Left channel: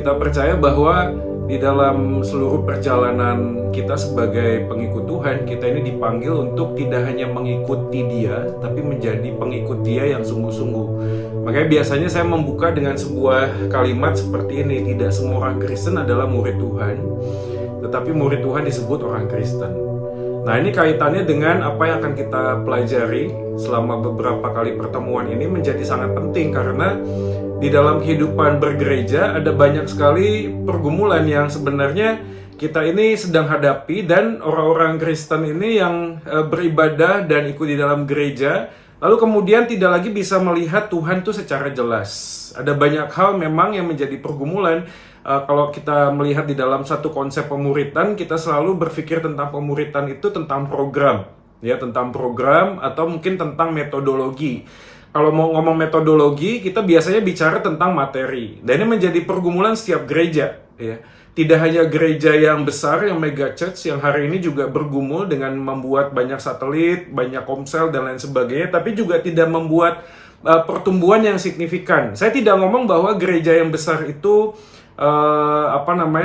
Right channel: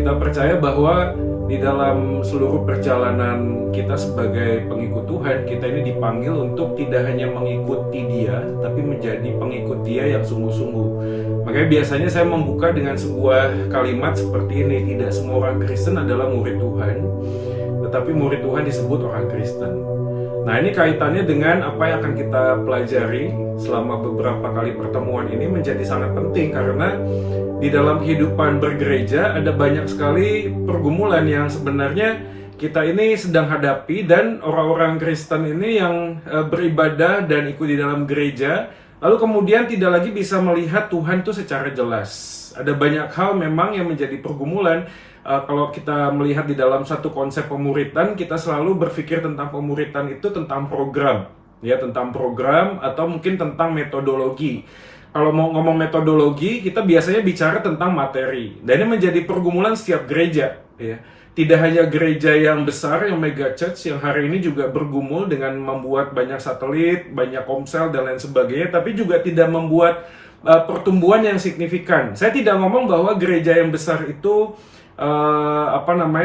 Kita percaya bahwa di dalam seluruh perjalanan kita sebagai pengikut Tuhan, kita ini dipanggil untuk tidak hanya mengikuti Dia, tapi menjadi pengikut Dia yang sungguh-sungguh. Makanya biasanya saya membuka dengan sebuah kalimat seperti ini, tidak semua orang Kristen adalah murid Tuhan, tetapi murid Tuhan disebut orang Kristen. Nah, ini kaitannya dengan apa yang akan kita pelajari selama beberapa kali pertemuan ini menjadi sangat penting, karena di dalam kehidupan bergereja ada banyak sekali pergumulan yang sebenarnya kita ini sedang hadapi, dan orang-orang Kristen ini yang beribadah dan ikut di dalam gereja lalu kemudian tidak lagi bisa melihat Tuhan itu secara jelas. Ada banyak hal memang yang menjadi pergumulan. Kalau kita melihat di dalam satu konsep pemuritan, kita selalu berpikir tentang pemuritan itu tentang program, ya, tentang program atau mungkin tentang metodologi. Kalau mau ngomong metodologi, kita biasanya bicara tentang materi. Dan ini menjadi pergumulan setiap gereja, ya. Tidak hanya gereja yang besar, yang mega church, yang hari ini juga bergumul dengan membuat banyak satelit, banyak komsel, dan lain sebagainya, tapi juga tidak membuat pertumbuhan yang signifikan. Saya tidak ngomong bahwa gereja yang besar itu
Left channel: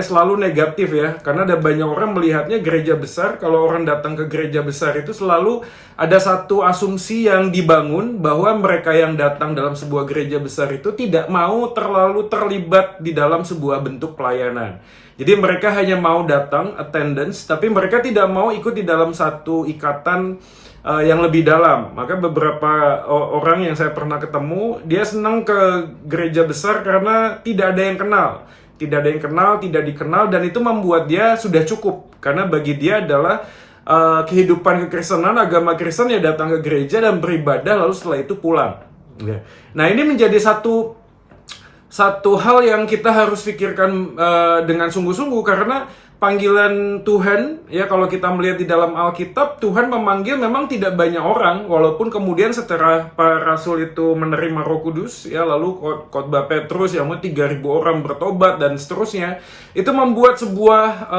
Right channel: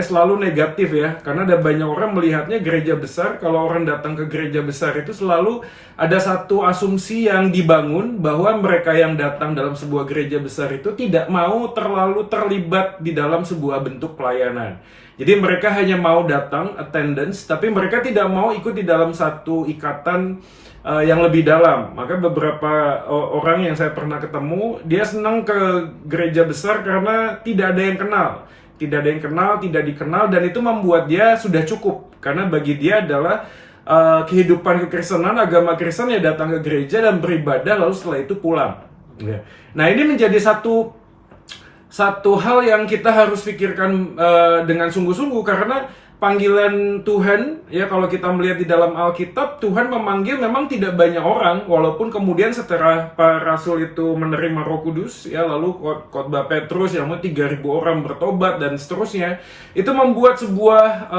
selalu negatif, ya, karena ada banyak orang melihatnya gereja besar, kalau orang datang ke gereja besar itu selalu ada satu asumsi yang dibangun bahwa mereka yang datang dalam sebuah gereja besar itu tidak mau terlalu terlibat di dalam sebuah bentuk pelayanan. Jadi mereka hanya mau datang attendance, tapi mereka tidak mau ikut di dalam satu ikatan yang lebih dalam. Maka beberapa orang yang saya pernah ketemu, dia senang ke gereja besar karena tidak ada yang kenal. Tidak ada yang kenal, tidak dikenal, dan itu membuat dia sudah cukup. Karena bagi dia adalah kehidupan kekristenan, agama Kristen, ya datang ke gereja dan beribadah, lalu setelah itu pulang. Nah, ini menjadi satu hal yang kita harus pikirkan dengan sungguh-sungguh, karena panggilan Tuhan, ya, kalau kita melihat di dalam Alkitab, Tuhan memanggil memang tidak banyak orang, walaupun kemudian setelah para rasul itu menerima Roh Kudus, ya, lalu khotbah Petrus yang 3.000 orang bertobat dan seterusnya, itu membuat sebuah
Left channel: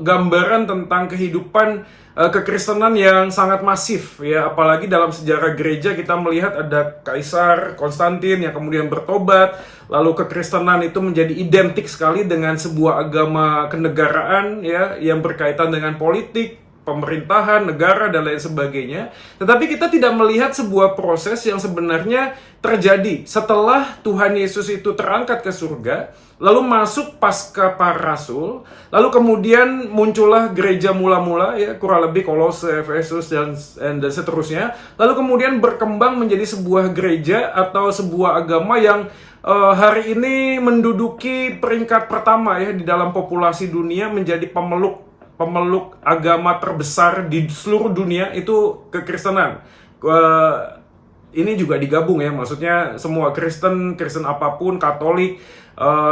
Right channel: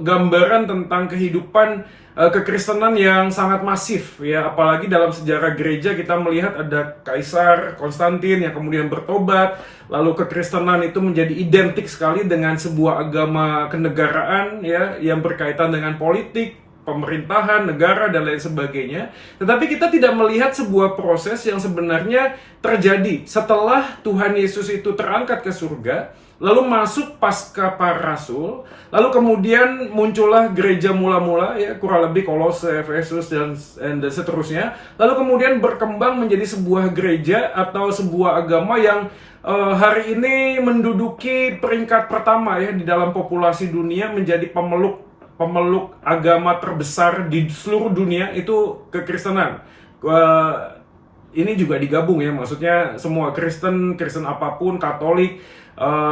gambaran tentang kehidupan kekristenan yang sangat masif, ya. Apalagi dalam sejarah gereja kita melihat ada Kaisar Konstantin yang kemudian bertobat, lalu kekristenan itu menjadi identik sekali dengan sebuah agama kenegaraan, ya, yang berkaitan dengan politik, pemerintahan, negara, dan lain sebagainya. Tetapi kita tidak melihat sebuah proses yang sebenarnya terjadi setelah Tuhan Yesus itu terangkat ke surga, lalu masuk pasca para rasul, lalu kemudian muncullah gereja mula-mula, ya, kurang lebih Kolose, Efesus, dan seterusnya. Lalu kemudian berkembang menjadi sebuah gereja atau sebuah agama yang hari ini menduduki peringkat pertama, ya, di dalam populasi dunia, menjadi pemeluk agama terbesar di seluruh dunia itu kekristenan. Ini juga digabung, ya, maksudnya semua Kristen apapun, Katolik,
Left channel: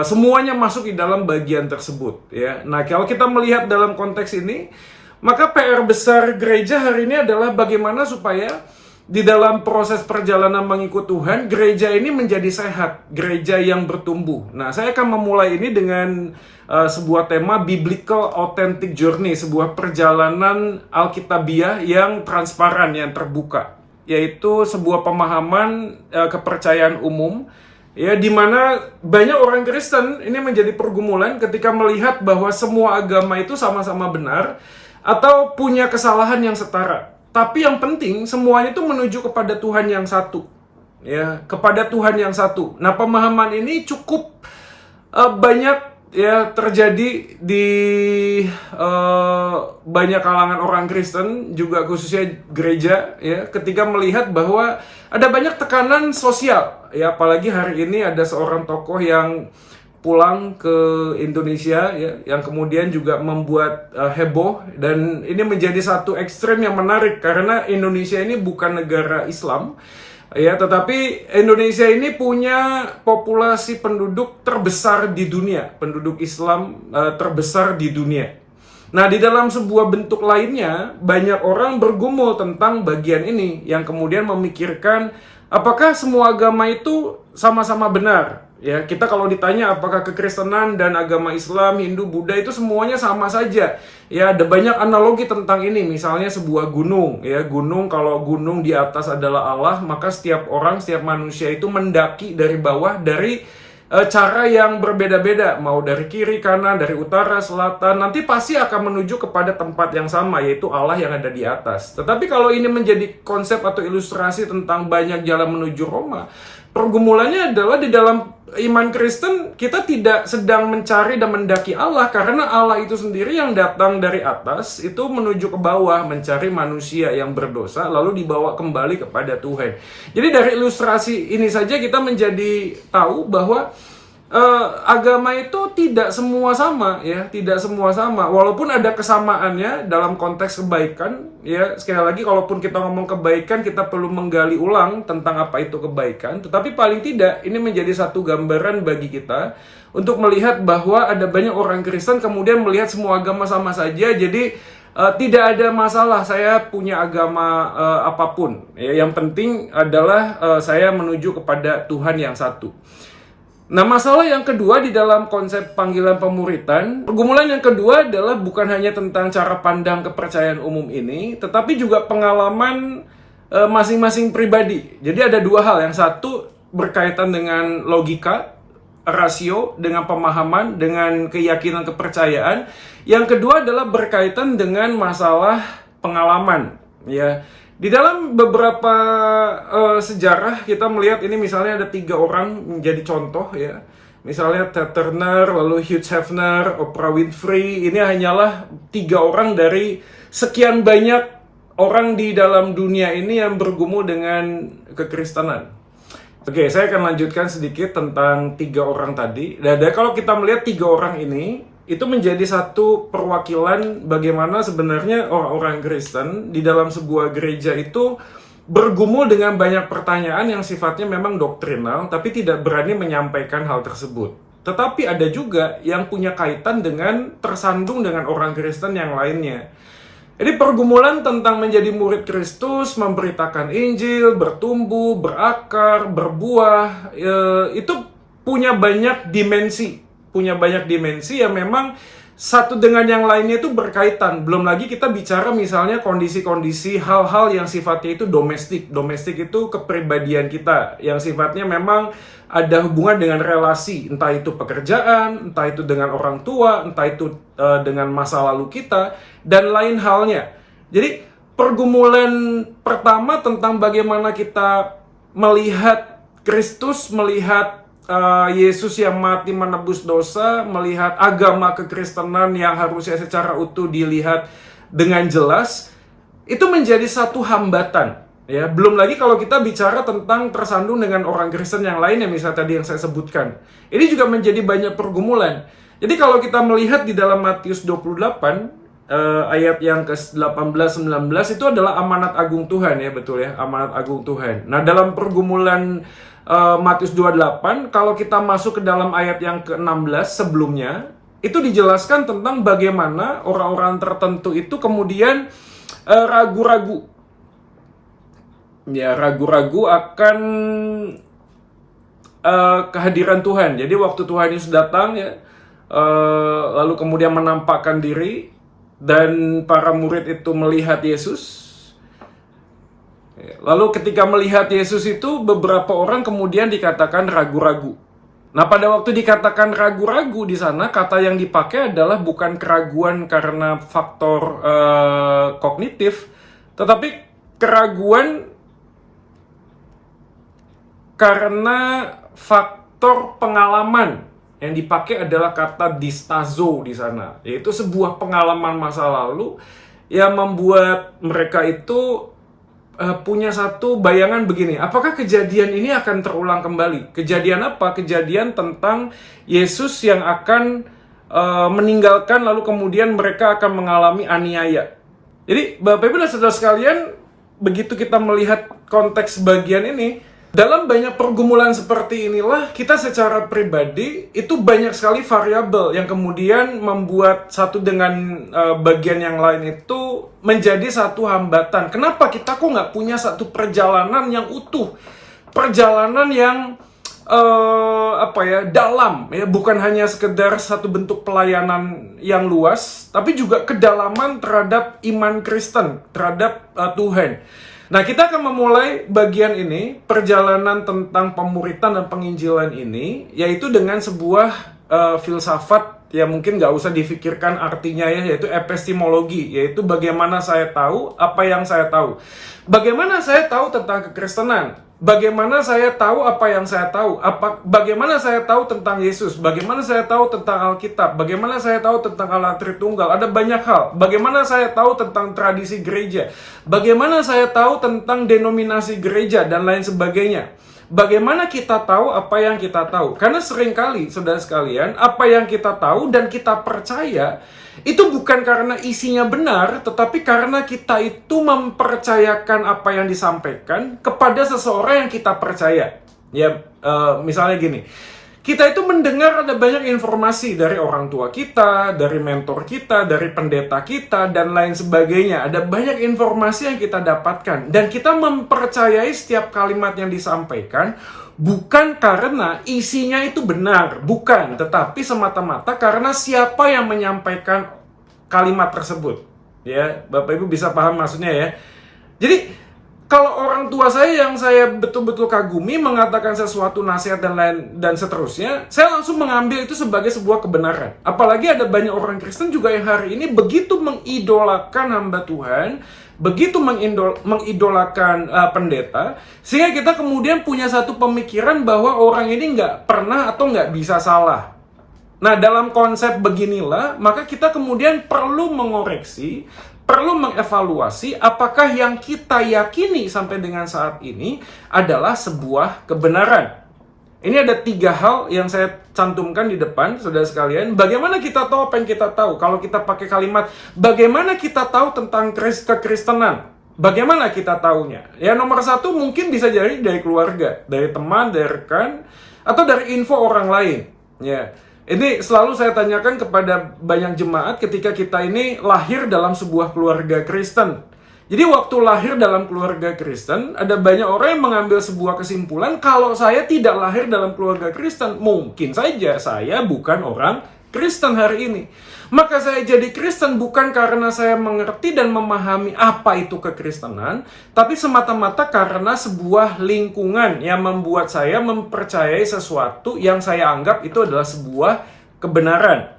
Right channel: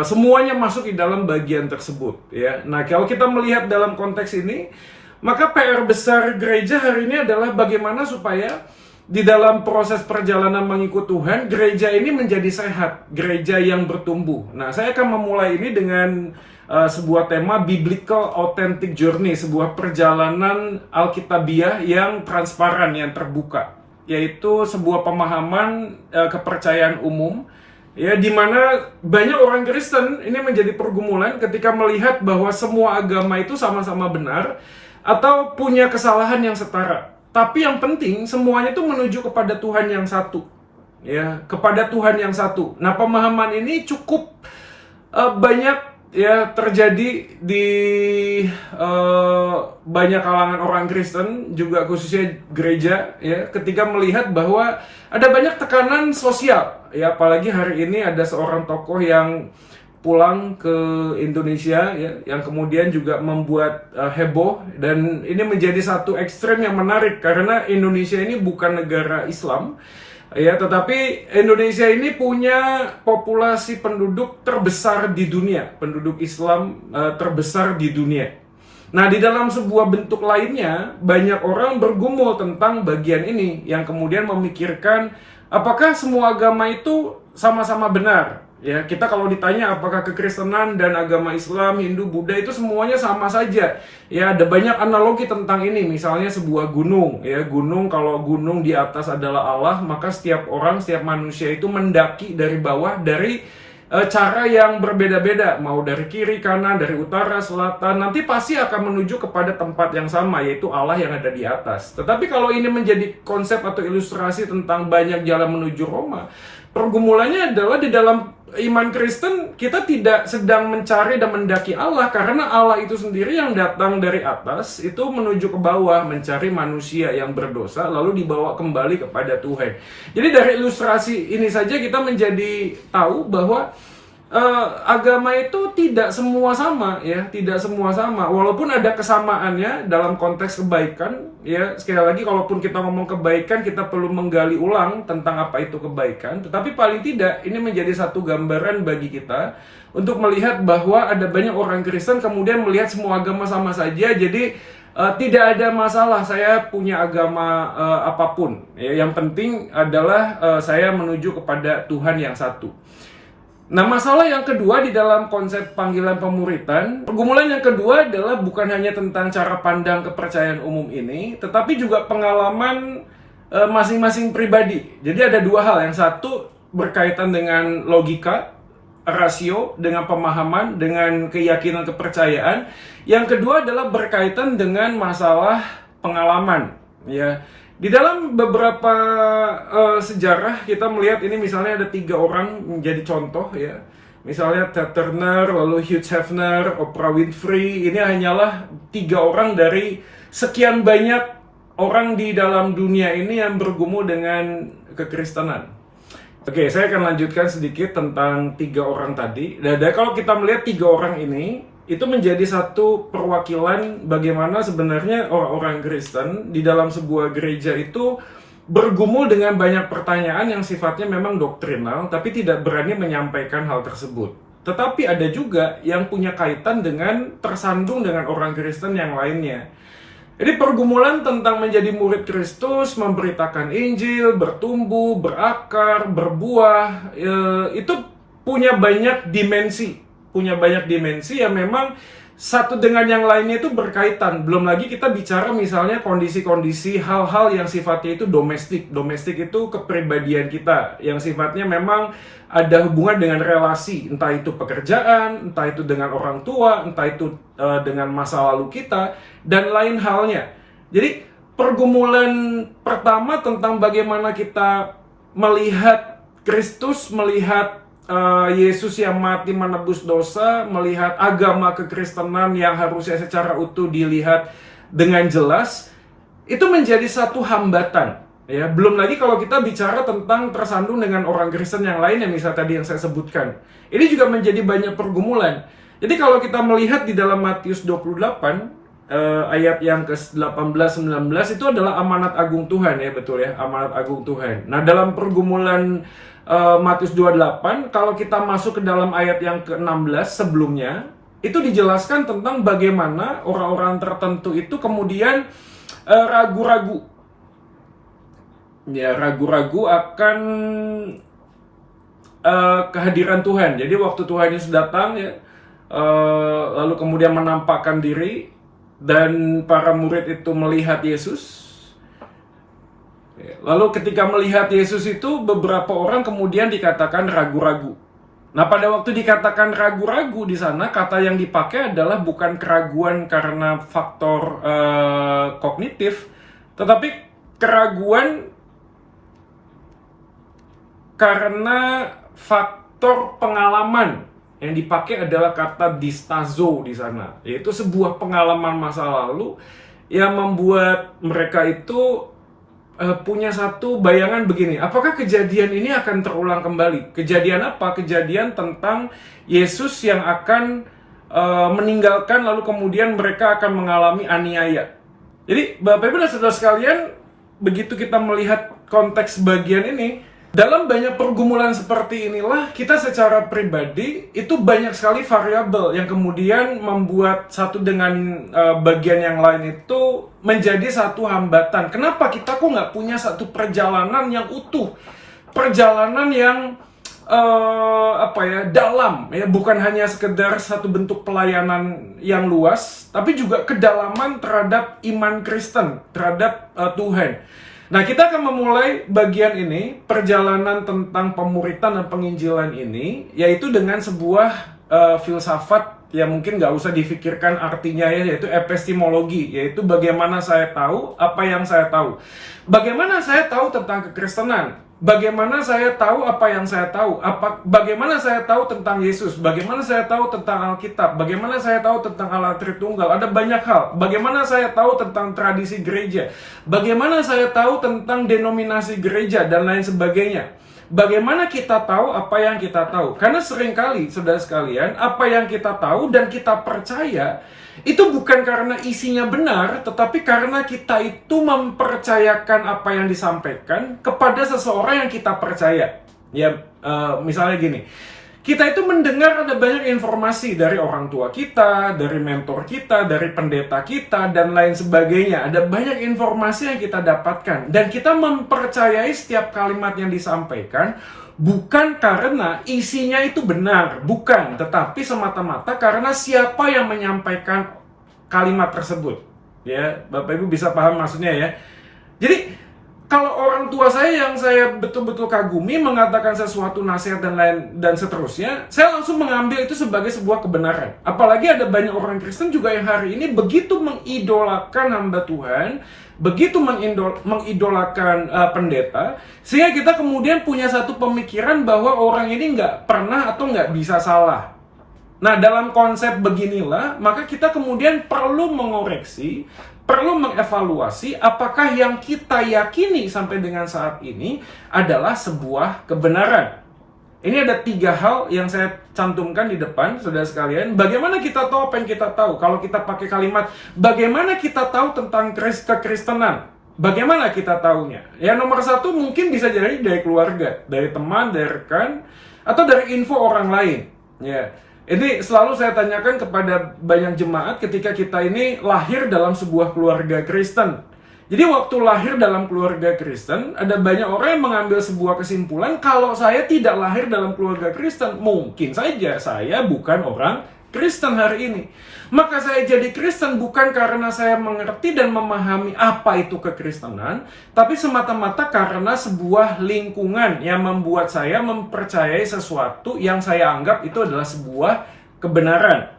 semuanya masuk di dalam bagian tersebut, ya. Nah, kalau kita melihat dalam konteks ini, maka PR besar gereja hari ini adalah bagaimana supaya di dalam proses perjalanan mengikut Tuhan, gereja ini menjadi sehat, gereja yang bertumbuh. Nah, saya akan memulai ini dengan sebuah tema biblical authentic journey, sebuah perjalanan alkitabiah yang transparan, yang terbuka, yaitu sebuah pemahaman kepercayaan umum, ya, di mana banyak orang Kristen ini menjadi pergumulan ketika melihat bahwa semua agama itu sama-sama benar atau punya kesalahan yang setara. Tapi yang penting semuanya itu menuju kepada Tuhan yang satu, ya, kepada Tuhan yang satu. Nah, pemahaman ini cukup banyak, ya, terjadi di banyak kalangan orang Kristen, juga khususnya gereja, ya, ketika melihat bahwa ada banyak tekanan sosial, ya, apalagi hari ini ada seorang tokoh yang pulang ke Indonesia, ya, yang kemudian juga membuat heboh, dan ini menjadi satu ekstrem yang menarik karena Indonesia ini bukan negara Islam, ya, tetapi Indonesia ini punya populasi penduduk terbesar di dunia, penduduk Islam terbesar di dunia. Nah, di dalam sebuah bentuk lainnya, banyak orang bergumul tentang bagian ini, yang kemudian memikirkan apakah semua agama itu sama-sama benar. Ya, kita kalau ditanya apakah kekristenan dan agama Islam, Hindu, Buddha itu semuanya sama saja. Ya, ada banyak analogi tentang ini. Misalnya sebuah gunung, ya, kalau gunung di atas adalah Allah, maka setiap orang, setiap manusia itu mendaki dari bawah, dari cara yang berbeda-beda, mau dari kiri, kanan, dari utara, selatan, nanti pasti akan menuju kepada tempat yang sama, yaitu Allah yang ada di atas. Tetapi kalau ini menjadi konsep atau ilustrasi tentang banyak jalan menuju Roma, pergumulannya adalah di dalam iman Kristen, kita tidak sedang mencari dan mendaki Allah, karena Allah itu sendiri yang datang dari atas, itu menuju ke bawah, mencari manusia yang berdosa, lalu dibawa kembali kepada Tuhan. Jadi dari ilustrasi ini saja kita menjadi tahu bahwa agama itu tidak semua sama, ya, tidak semua sama. Walaupun ada kesamaannya dalam konteks kebaikan, ya. Sekali lagi, kalaupun kita ngomong kebaikan, kita perlu menggali ulang tentang apa itu kebaikan. Tetapi paling tidak ini menjadi satu gambaran bagi kita untuk melihat bahwa ada banyak orang Kristen kemudian melihat semua agama sama saja. Jadi tidak ada masalah saya punya agama apapun. Ya, yang penting adalah saya menuju kepada Tuhan yang satu. Nah, masalah yang kedua di dalam konsep panggilan pemuritan, pergumulan yang kedua adalah bukan hanya tentang cara pandang kepercayaan umum ini, tetapi juga pengalaman masing-masing pribadi. Jadi ada dua hal. Yang satu berkaitan dengan logika, rasio, dengan pemahaman, dengan keyakinan kepercayaan. Yang kedua adalah berkaitan dengan masalah pengalaman, ya. Di dalam beberapa sejarah kita melihat ini, misalnya ada 3 orang menjadi contoh, ya. Misalnya Ted Turner, lalu Hugh Hefner, Oprah Winfrey. Ini hanyalah 3 orang dari sekian banyak orang di dalam dunia ini yang bergumul dengan kekristenan. Oke, saya akan lanjutkan sedikit tentang 3 orang tadi. Dan kalau kita melihat 3 orang ini, itu menjadi satu perwakilan bagaimana sebenarnya orang-orang Kristen di dalam sebuah gereja itu bergumul dengan banyak pertanyaan yang sifatnya memang doktrinal, tapi tidak berani menyampaikan hal tersebut. Tetapi ada juga yang punya kaitan dengan tersandung dengan orang Kristen yang lainnya. Jadi pergumulan tentang menjadi murid Kristus, memberitakan Injil, bertumbuh, berakar, berbuah, itu punya banyak dimensi. Yang memang satu dengan yang lainnya itu berkaitan. Belum lagi kita bicara misalnya kondisi-kondisi hal-hal yang sifatnya itu domestik. Domestik itu kepribadian kita yang sifatnya memang ada hubungan dengan relasi, entah itu pekerjaan, entah itu dengan orang tua, entah itu dengan masa lalu kita, dan lain halnya. Jadi pergumulan pertama tentang bagaimana kita melihat Kristus, melihat Yesus yang mati menebus dosa, melihat agama kekristenan yang harusnya secara utuh dilihat dengan jelas, itu menjadi satu hambatan. Ya, belum lagi kalau kita bicara tentang tersandung dengan orang Kristen yang lain, yang misalnya tadi yang saya sebutkan. Ini juga menjadi banyak pergumulan. Jadi kalau kita melihat di dalam Matius 28, ayat yang ke-18-19 itu adalah amanat agung Tuhan, ya, betul ya, amanat agung Tuhan. Nah, dalam pergumulan Matius 28, kalau kita masuk ke dalam ayat yang ke-16 sebelumnya, itu dijelaskan tentang bagaimana orang-orang tertentu itu kemudian ragu-ragu. Ya, ragu-ragu akan kehadiran Tuhan. Jadi waktu Tuhan Yesus datang, ya, lalu kemudian menampakkan diri, dan para murid itu melihat Yesus. Lalu ketika melihat Yesus itu, beberapa orang kemudian dikatakan ragu-ragu. Nah, pada waktu dikatakan ragu-ragu di sana, kata yang dipakai adalah bukan keraguan karena faktor kognitif, tetapi keraguan karena faktor pengalaman. Yang dipakai adalah kata distazo di sana, yaitu sebuah pengalaman masa lalu yang membuat mereka itu punya satu bayangan begini, apakah kejadian ini akan terulang kembali? Kejadian apa? Kejadian tentang Yesus yang akan meninggalkan, lalu kemudian mereka akan mengalami aniaya. Jadi Bapak Ibu dan Saudara sekalian, begitu kita melihat konteks bagian ini, dalam banyak pergumulan seperti inilah kita secara pribadi itu banyak sekali variabel yang kemudian membuat satu dengan bagian yang lain itu menjadi satu hambatan. Kenapa kita kok nggak punya satu perjalanan yang utuh, perjalanan yang dalam, ya, bukan hanya sekedar satu bentuk pelayanan yang luas, tapi juga kedalaman terhadap iman Kristen, terhadap Tuhan. Nah, kita akan memulai bagian ini, perjalanan tentang pemuritan dan penginjilan ini, yaitu dengan sebuah filsafat ya mungkin nggak usah difikirkan artinya ya, yaitu epistemologi, yaitu bagaimana saya tahu apa yang saya tahu. Bagaimana saya tahu tentang kekristenan? Bagaimana saya tahu apa yang saya tahu? Bagaimana saya tahu tentang Yesus? Bagaimana saya tahu tentang Alkitab? Bagaimana saya tahu tentang Allah Tritunggal? Ada banyak hal. Bagaimana saya tahu tentang tradisi gereja? Bagaimana saya tahu tentang denominasi gereja dan lain sebagainya? Bagaimana kita tahu apa yang kita tahu? Karena seringkali, saudara sekalian, apa yang kita tahu dan kita percaya itu bukan karena isinya benar, tetapi karena kita itu mempercayakan apa yang disampaikan kepada seseorang yang kita percaya. Ya, misalnya gini, kita itu mendengar ada banyak informasi dari orang tua kita, dari mentor kita, dari pendeta kita, dan lain sebagainya. Ada banyak informasi yang kita dapatkan, dan kita mempercayai setiap kalimat yang disampaikan, bukan karena isinya itu benar, bukan, tetapi semata-mata karena siapa yang menyampaikan kalimat tersebut. Ya, Bapak Ibu bisa paham maksudnya ya. Jadi, kalau orang tua saya yang saya betul-betul kagumi mengatakan sesuatu nasihat dan seterusnya, saya langsung mengambil itu sebagai sebuah kebenaran. Apalagi ada banyak orang Kristen juga yang hari ini begitu mengidolakan hamba Tuhan, begitu mengidolakan pendeta, sehingga kita kemudian punya satu pemikiran bahwa orang ini nggak pernah atau nggak bisa salah. Nah, dalam konsep beginilah, maka kita kemudian perlu mengoreksi, perlu mengevaluasi apakah yang kita yakini sampai dengan saat ini adalah sebuah kebenaran. Ini ada 3 hal yang saya cantumkan di depan, saudara sekalian. Bagaimana kita tahu apa yang kita tahu? Kalau kita pakai kalimat, bagaimana kita tahu tentang kekristenan? Bagaimana kita tahunya? Ya, nomor 1 mungkin bisa jadi dari keluarga, dari teman, dari rekan, atau dari info orang lain. Ya, ini selalu saya tanyakan kepada banyak jemaat ketika kita ini lahir dalam sebuah keluarga Kristen. Jadi waktu lahir dalam keluarga Kristen, ada banyak orang yang mengambil sebuah kesimpulan, kalau saya tidak lahir dalam keluarga Kristen, mungkin saja saya bukan orang Kristen hari ini. Maka saya jadi Kristen bukan karena saya mengerti dan memahami apa itu kekristenan, tapi semata-mata karena sebuah lingkungan yang membuat saya mempercayai sesuatu yang saya anggap itu adalah sebuah kebenaran.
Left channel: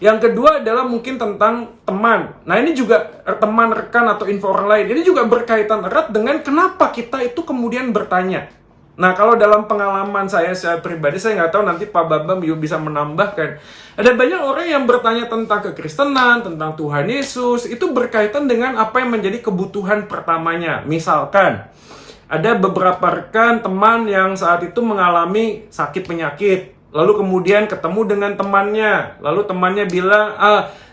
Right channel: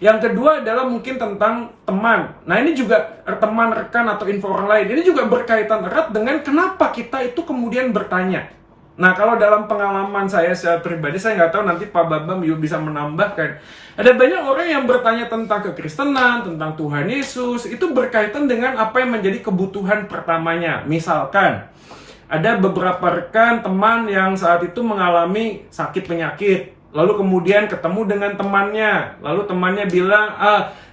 Yang kedua adalah mungkin tentang teman. Nah, ini juga teman, rekan, atau info orang lain. Ini juga berkaitan erat dengan kenapa kita itu kemudian bertanya. Nah, kalau dalam pengalaman saya secara pribadi, saya nggak tahu nanti Pak Bambam bisa menambahkan. Ada banyak orang yang bertanya tentang kekristenan, tentang Tuhan Yesus, itu berkaitan dengan apa yang menjadi kebutuhan pertamanya. Misalkan, ada beberapa rekan, teman yang saat itu mengalami sakit penyakit. Lalu kemudian ketemu dengan temannya. Lalu temannya bilang,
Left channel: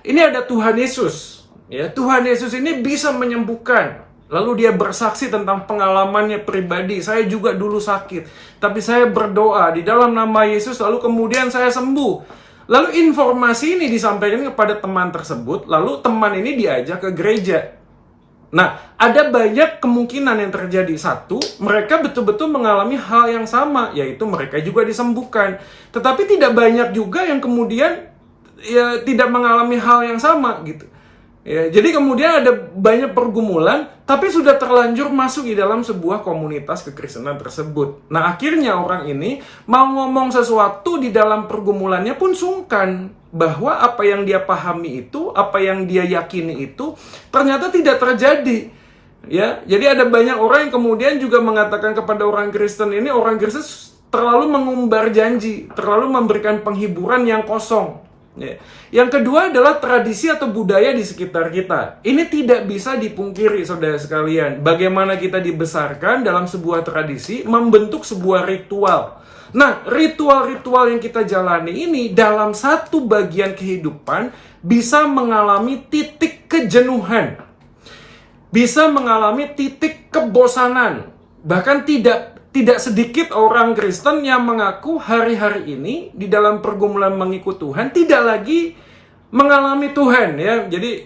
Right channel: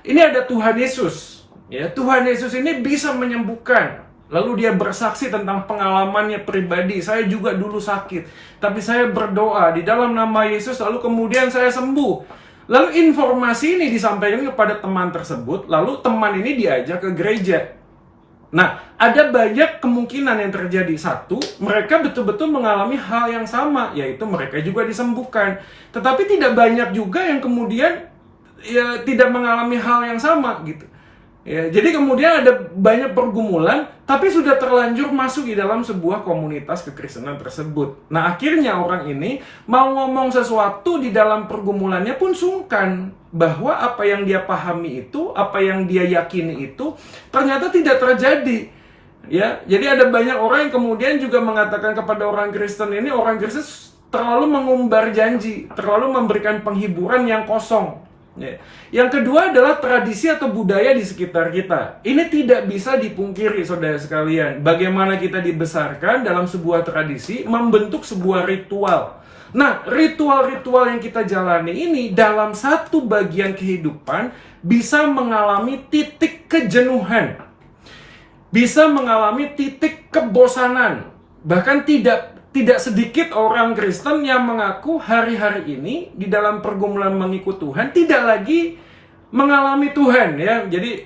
ini ada Tuhan Yesus. Ya, Tuhan Yesus ini bisa menyembuhkan. Lalu dia bersaksi tentang pengalamannya pribadi. Saya juga dulu sakit, tapi saya berdoa di dalam nama Yesus, lalu kemudian saya sembuh. Lalu informasi ini disampaikan kepada teman tersebut. Lalu teman ini diajak ke gereja. Nah, ada banyak kemungkinan yang terjadi. 1, mereka betul-betul mengalami hal yang sama, yaitu mereka juga disembuhkan. Tetapi tidak banyak juga yang kemudian ya tidak mengalami hal yang sama gitu. Ya, jadi kemudian ada banyak pergumulan, tapi sudah terlanjur masuk di dalam sebuah komunitas kekristenan tersebut. Nah, akhirnya orang ini mau ngomong sesuatu di dalam pergumulannya pun sungkan, bahwa apa yang dia pahami itu, apa yang dia yakini itu, ternyata tidak terjadi. Ya, jadi ada banyak orang yang kemudian juga mengatakan kepada orang Kristen ini, orang Kristen terlalu mengumbar janji, terlalu memberikan penghiburan yang kosong. Ya. Yang kedua adalah tradisi atau budaya di sekitar kita. Ini tidak bisa dipungkiri, saudara sekalian. Bagaimana kita dibesarkan dalam sebuah tradisi, membentuk sebuah ritual. Nah, ritual-ritual yang kita jalani ini dalam satu bagian kehidupan bisa mengalami titik kejenuhan. Bisa mengalami titik kebosanan. Bahkan tidak sedikit orang Kristen yang mengaku hari-hari ini di dalam pergumulan mengikut Tuhan tidak lagi mengalami Tuhan, ya. Jadi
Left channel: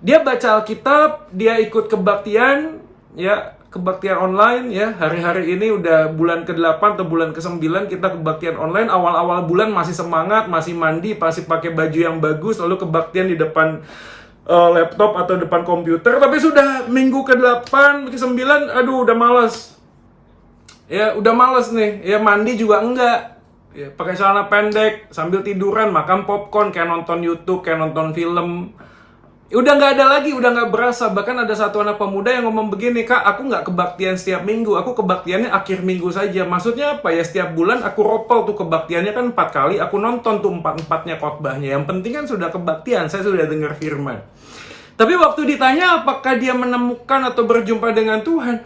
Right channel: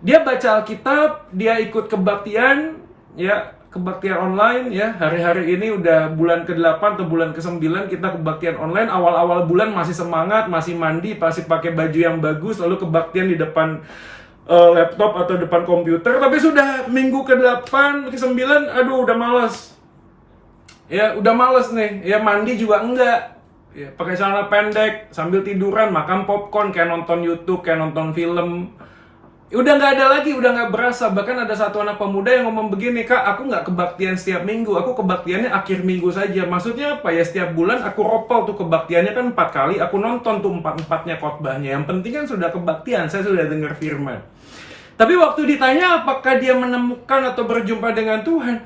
dia baca Alkitab, dia ikut kebaktian, ya, kebaktian online, ya. Hari-hari ini udah bulan ke-8 atau bulan ke-9 kita kebaktian online. Awal-awal bulan masih semangat, masih mandi, masih pakai baju yang bagus, lalu kebaktian di depan laptop atau depan komputer, tapi sudah minggu ke-8, ke-9, aduh udah malas. Ya udah males nih, ya mandi juga enggak, ya pakai celana pendek sambil tiduran, makan popcorn kayak nonton YouTube, kayak nonton film. Udah nggak ada lagi, udah nggak berasa. Bahkan ada satu anak pemuda yang ngomong begini, "Kak, aku nggak kebaktian setiap minggu, aku kebaktiannya akhir minggu saja." Maksudnya apa ya? Setiap bulan aku ropel tuh kebaktiannya kan 4 kali, aku nonton tuh 4-4-nya khotbahnya. Yang penting kan sudah kebaktian, saya sudah dengar firman. Tapi waktu ditanya apakah dia menemukan atau berjumpa dengan Tuhan,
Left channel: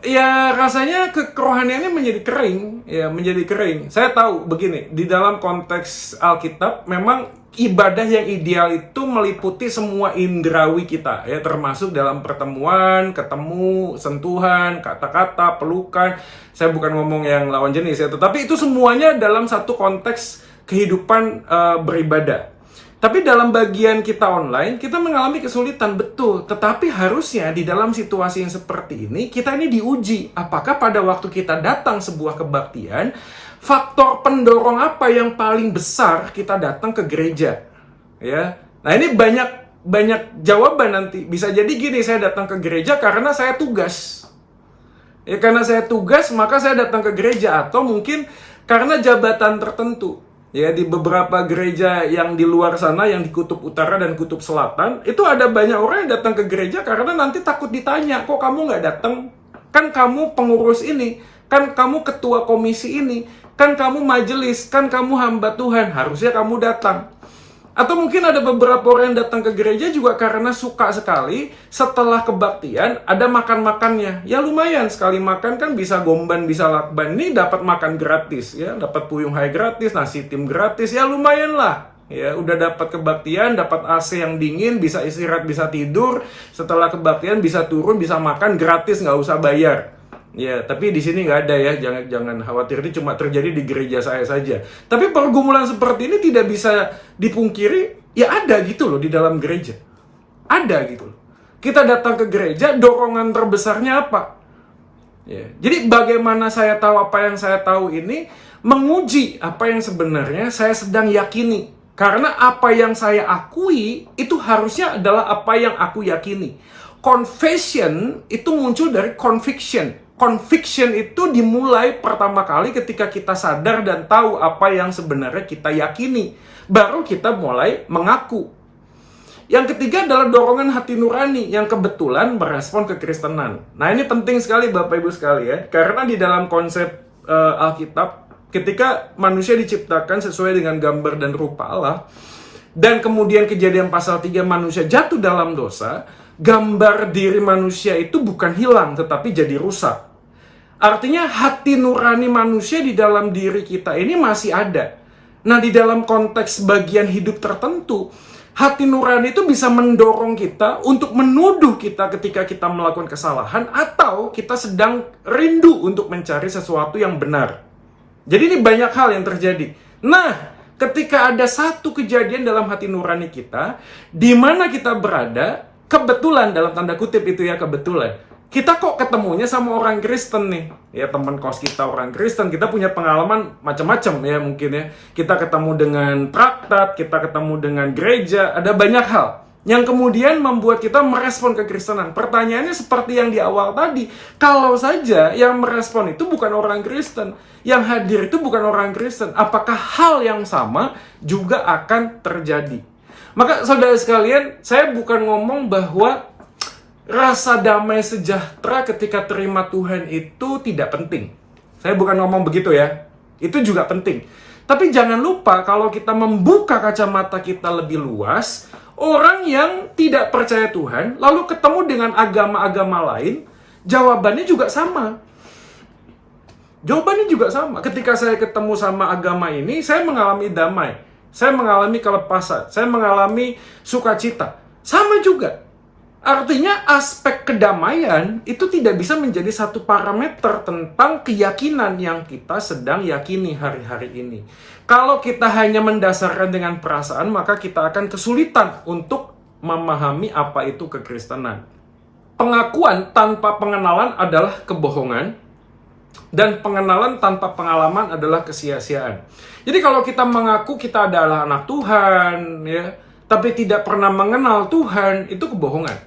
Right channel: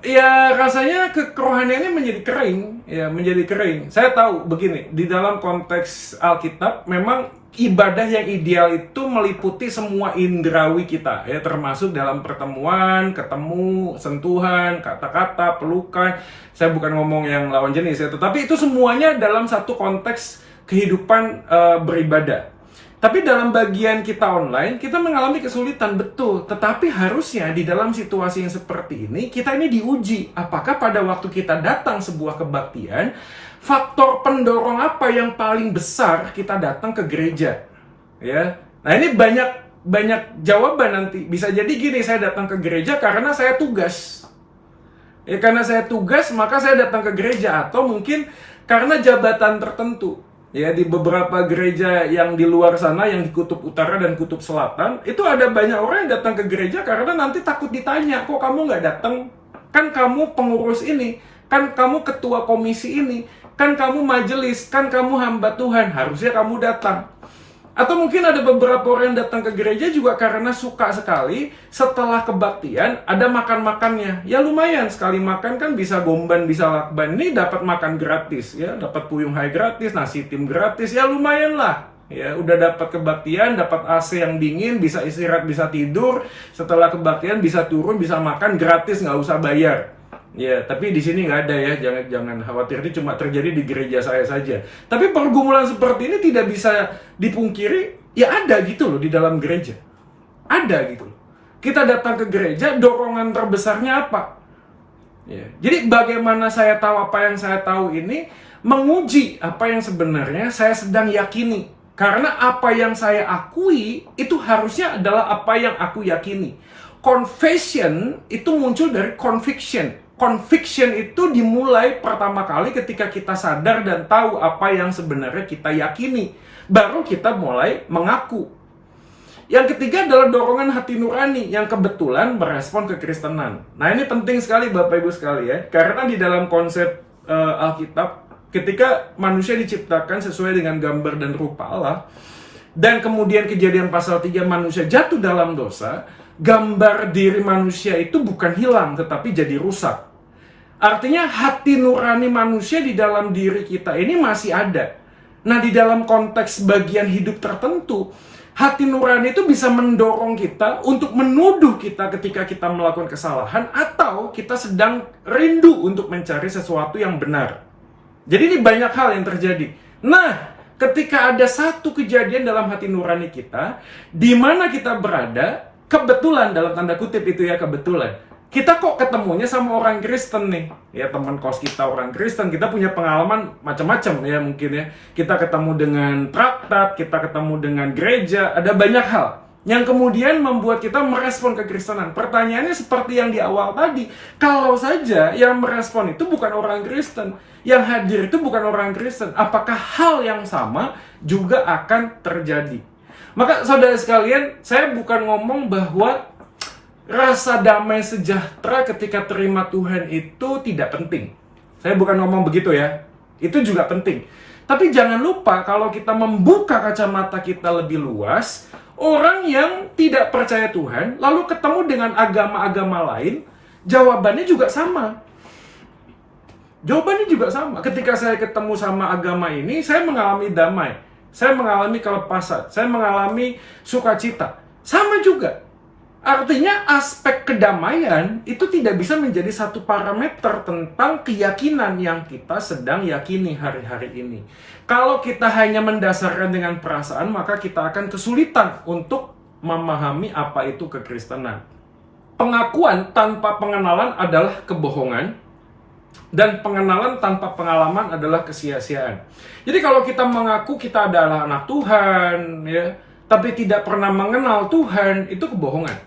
ya rasanya kerohaniannya menjadi kering, ya menjadi kering. Saya tahu begini, di dalam konteks Alkitab memang ibadah yang ideal itu meliputi semua indrawi kita, ya termasuk dalam pertemuan, ketemu, sentuhan, kata-kata, pelukan. Saya bukan ngomong yang lawan jenis ya, tetapi itu semuanya dalam satu konteks kehidupan beribadah. Tapi dalam bagian kita online, kita mengalami kesulitan, betul. Tetapi harusnya di dalam situasi yang seperti ini, kita ini diuji. Apakah pada waktu kita datang sebuah kebaktian, faktor pendorong apa yang paling besar kita datang ke gereja? Ya, nah ini banyak jawaban nanti. Bisa jadi gini, saya datang ke gereja karena saya tugas. Ya, karena saya tugas, maka saya datang ke gereja. Atau mungkin karena jabatan tertentu. Ya, di beberapa gereja yang di luar sana, yang di kutub utara dan kutub selatan, itu ada banyak orang yang datang ke gereja karena nanti takut ditanya, "Kok kamu nggak datang? Kan kamu pengurus ini, kan kamu ketua komisi ini, kan kamu majelis, kan kamu hamba Tuhan, harusnya kamu datang." Atau mungkin ada beberapa orang yang datang ke gereja juga karena suka sekali setelah kebaktian ada makan-makannya. Ya lumayan, sekali makan kan bisa gomban, bisa lakban. Ini dapat makan gratis, ya, dapat puyung hai gratis, nasi tim gratis, ya lumayan lah. Ya, udah dapat kebaktian, dapat AC yang dingin, bisa istirahat, bisa tidur. Setelah kebaktian bisa turun, bisa makan gratis, nggak usah bayar. Ya, tapi di sini nggak ada ya, jangan khawatir, ini cuma terjadi di gereja saya saja. Tapi pergumulan seperti ini tidak bisa dipungkiri, ya ada gitu loh di dalam gereja. Ada gitu loh. Kita datang ke gereja, dorongan terbesarnya apa? Ya, jadi bagaimana saya tahu apa yang saya tahu ini, menguji apa yang sebenarnya saya sedang yakini. Karena apa yang saya akui, itu harusnya adalah apa yang aku yakini. Confession itu muncul dari conviction. Conviction itu dimulai pertama kali ketika kita sadar dan tahu apa yang sebenarnya kita yakini. Baru kita mulai mengaku. Yang ketiga adalah dorongan hati nurani yang kebetulan merespon kekristenan. Nah ini penting sekali Bapak Ibu sekalian. Karena di dalam konsep Alkitab, ketika manusia diciptakan sesuai dengan gambar dan rupa Allah, dan kemudian Kejadian pasal 3 manusia jatuh dalam dosa, gambar diri manusia itu bukan hilang, tetapi jadi rusak. Artinya hati nurani manusia di dalam diri kita ini masih ada. Nah, di dalam konteks bagian hidup tertentu, hati nurani itu bisa mendorong kita untuk menuduh kita ketika kita melakukan kesalahan, atau kita sedang rindu untuk mencari sesuatu yang benar. Jadi ini banyak hal yang terjadi. Nah, ketika ada satu kejadian dalam hati nurani kita, di mana kita berada, kebetulan dalam tanda kutip itu ya, kebetulan kita kok ketemunya sama orang Kristen nih, ya teman kos kita orang Kristen, kita punya pengalaman macam-macam ya mungkin ya, kita ketemu dengan traktat, kita ketemu dengan gereja, ada banyak hal yang kemudian membuat kita merespon kekristenan. Pertanyaannya seperti yang di awal tadi, kalau saja yang merespon itu bukan orang Kristen, yang hadir itu bukan orang Kristen, apakah hal yang sama juga akan terjadi? Maka saudara sekalian, saya bukan ngomong bahwa rasa damai sejahtera ketika terima Tuhan itu tidak penting. Saya bukan ngomong begitu ya. Itu juga penting. Tapi jangan lupa kalau kita membuka kacamata kita lebih luas, orang yang tidak percaya Tuhan lalu ketemu dengan agama-agama lain, jawabannya juga sama. Jawabannya juga sama. Ketika saya ketemu sama agama ini, saya mengalami damai. Saya mengalami kelepasan, saya mengalami sukacita. Sama juga. Artinya aspek kedamaian itu tidak bisa menjadi satu parameter tentang keyakinan yang kita sedang yakini hari-hari ini. Kalau kita hanya mendasarkan dengan perasaan, maka kita akan kesulitan untuk memahami apa itu kekristenan. Pengakuan tanpa pengenalan adalah kebohongan. Dan pengenalan tanpa pengalaman adalah kesia-siaan. Jadi kalau kita mengaku kita adalah anak Tuhan, ya, tapi tidak pernah mengenal Tuhan, itu kebohongan.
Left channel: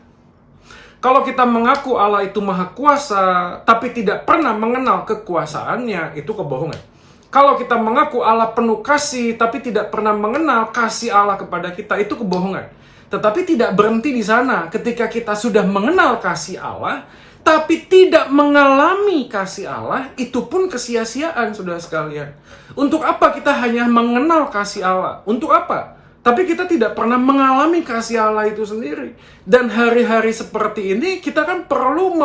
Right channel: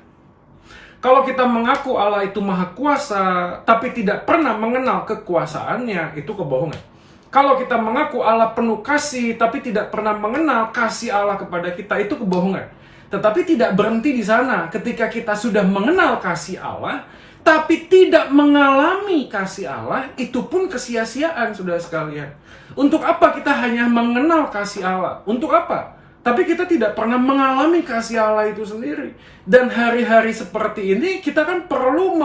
Kalau kita mengaku Allah itu maha kuasa, tapi tidak pernah mengenal kekuasaannya, itu kebohongan. Kalau kita mengaku Allah penuh kasih, tapi tidak pernah mengenal kasih Allah kepada kita, itu kebohongan. Tetapi tidak berhenti di sana. Ketika kita sudah mengenal kasih Allah, tapi tidak mengalami kasih Allah, itu pun kesia-siaan, saudara sekalian. Untuk apa kita hanya mengenal kasih Allah? Untuk apa? Tapi kita tidak pernah mengalami kasih Allah itu sendiri. Dan hari-hari seperti ini, kita kan perlu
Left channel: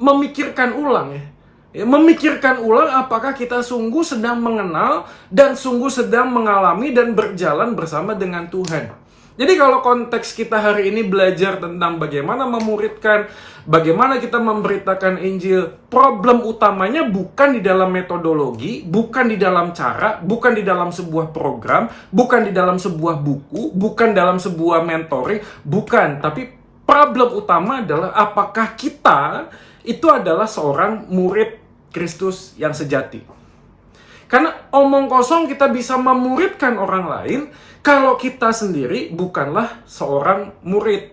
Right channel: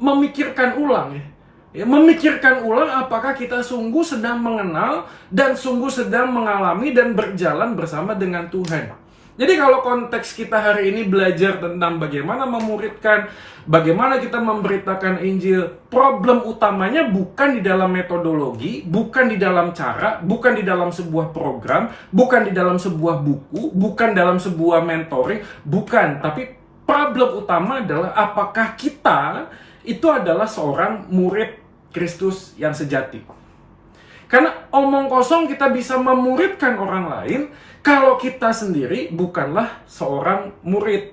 memikirkan ulang ya. Memikirkan ulang apakah kita sungguh sedang mengenal dan sungguh sedang mengalami dan berjalan bersama dengan Tuhan. Jadi kalau konteks kita hari ini belajar tentang bagaimana memuridkan, bagaimana kita memberitakan Injil, problem utamanya bukan di dalam metodologi, bukan di dalam cara, bukan di dalam sebuah program, bukan di dalam sebuah buku, bukan dalam sebuah mentoring, bukan. Tapi problem utama adalah apakah kita itu adalah seorang murid Kristus yang sejati. Karena omong kosong kita bisa memuridkan orang lain, kalau kita sendiri bukanlah seorang murid.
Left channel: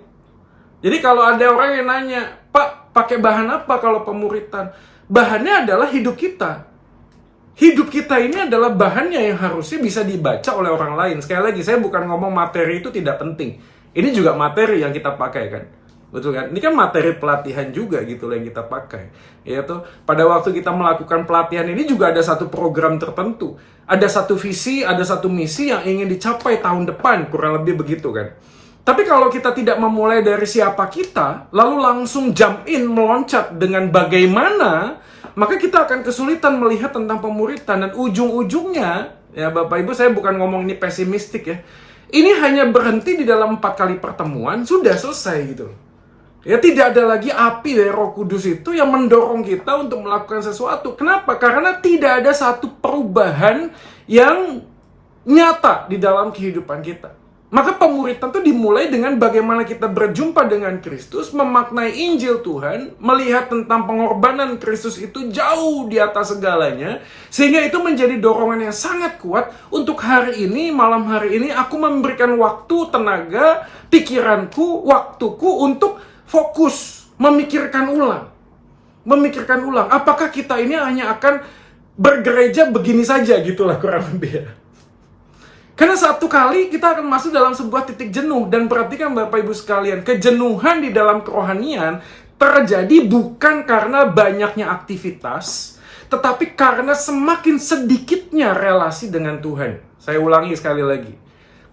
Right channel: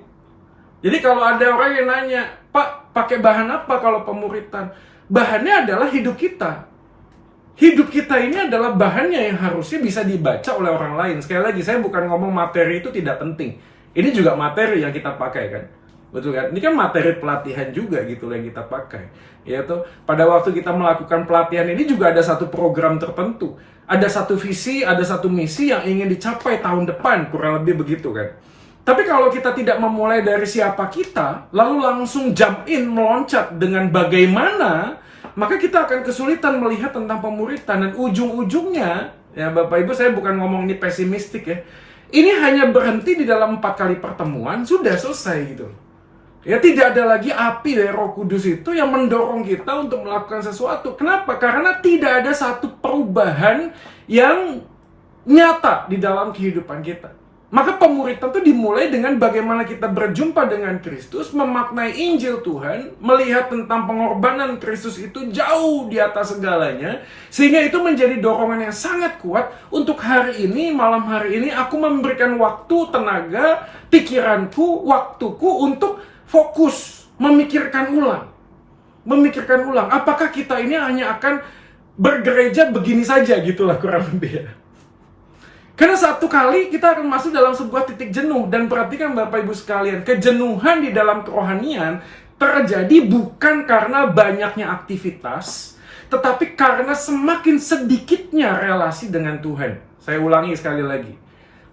Jadi kalau ada orang yang nanya, Pak, pakai bahan apa kalau pemuritan? Bahannya adalah hidup kita. Hidup kita ini adalah bahannya yang harusnya bisa dibaca oleh orang lain. Sekali lagi, saya bukan ngomong materi itu tidak penting. Ini juga materi yang kita pakai kan. Betul kan? Ini kan materi pelatihan juga gitu yang kita pakai. Yaitu pada waktu kita melakukan pelatihan ini juga ada satu program tertentu. Ada satu visi, ada satu misi yang ingin dicapai tahun depan, kurang lebih begitu kan. Tapi kalau kita tidak memulai dari siapa kita, lalu langsung jump in, meloncat dengan bagaimana, maka kita akan kesulitan melihat tentang pemuritan. Dan ujung-ujungnya, ya Bapak Ibu, saya bukan ngomong ini pesimistik ya. Ini hanya berhenti di dalam 4 kali pertemuan, sudah selesai gitu. Ya, tidak ada lagi api dari Roh Kudus itu yang mendorong kita untuk melakukan sesuatu. Kenapa? Karena tidak ada satu perubahan yang nyata di dalam kehidupan kita. Maka pemuritan itu dimulai dengan bagaimana kita berjumpa dengan Kristus, memaknai Injil Tuhan, melihat tentang pengorbanan Kristus itu jauh di atas segalanya, sehingga itu menjadi dorongan yang sangat kuat untuk hari ini, malam hari ini, aku memberikan waktu, tenaga, pikiranku, waktuku untuk fokus, memikirkan ulang. Memikirkan ulang, apakah kita ini hanya akan bergereja begini saja, gitulah kurang lebih ya. Karena satu kali kita akan masuk dalam sebuah titik jenuh. Dan perhatikan Bapak Ibu sekalian, kejenuhan di dalam kerohanian terjadi bukan karena banyaknya aktivitas, tetapi karena semakin sedikitnya relasi dengan Tuhan. Saya ulangi sekali lagi.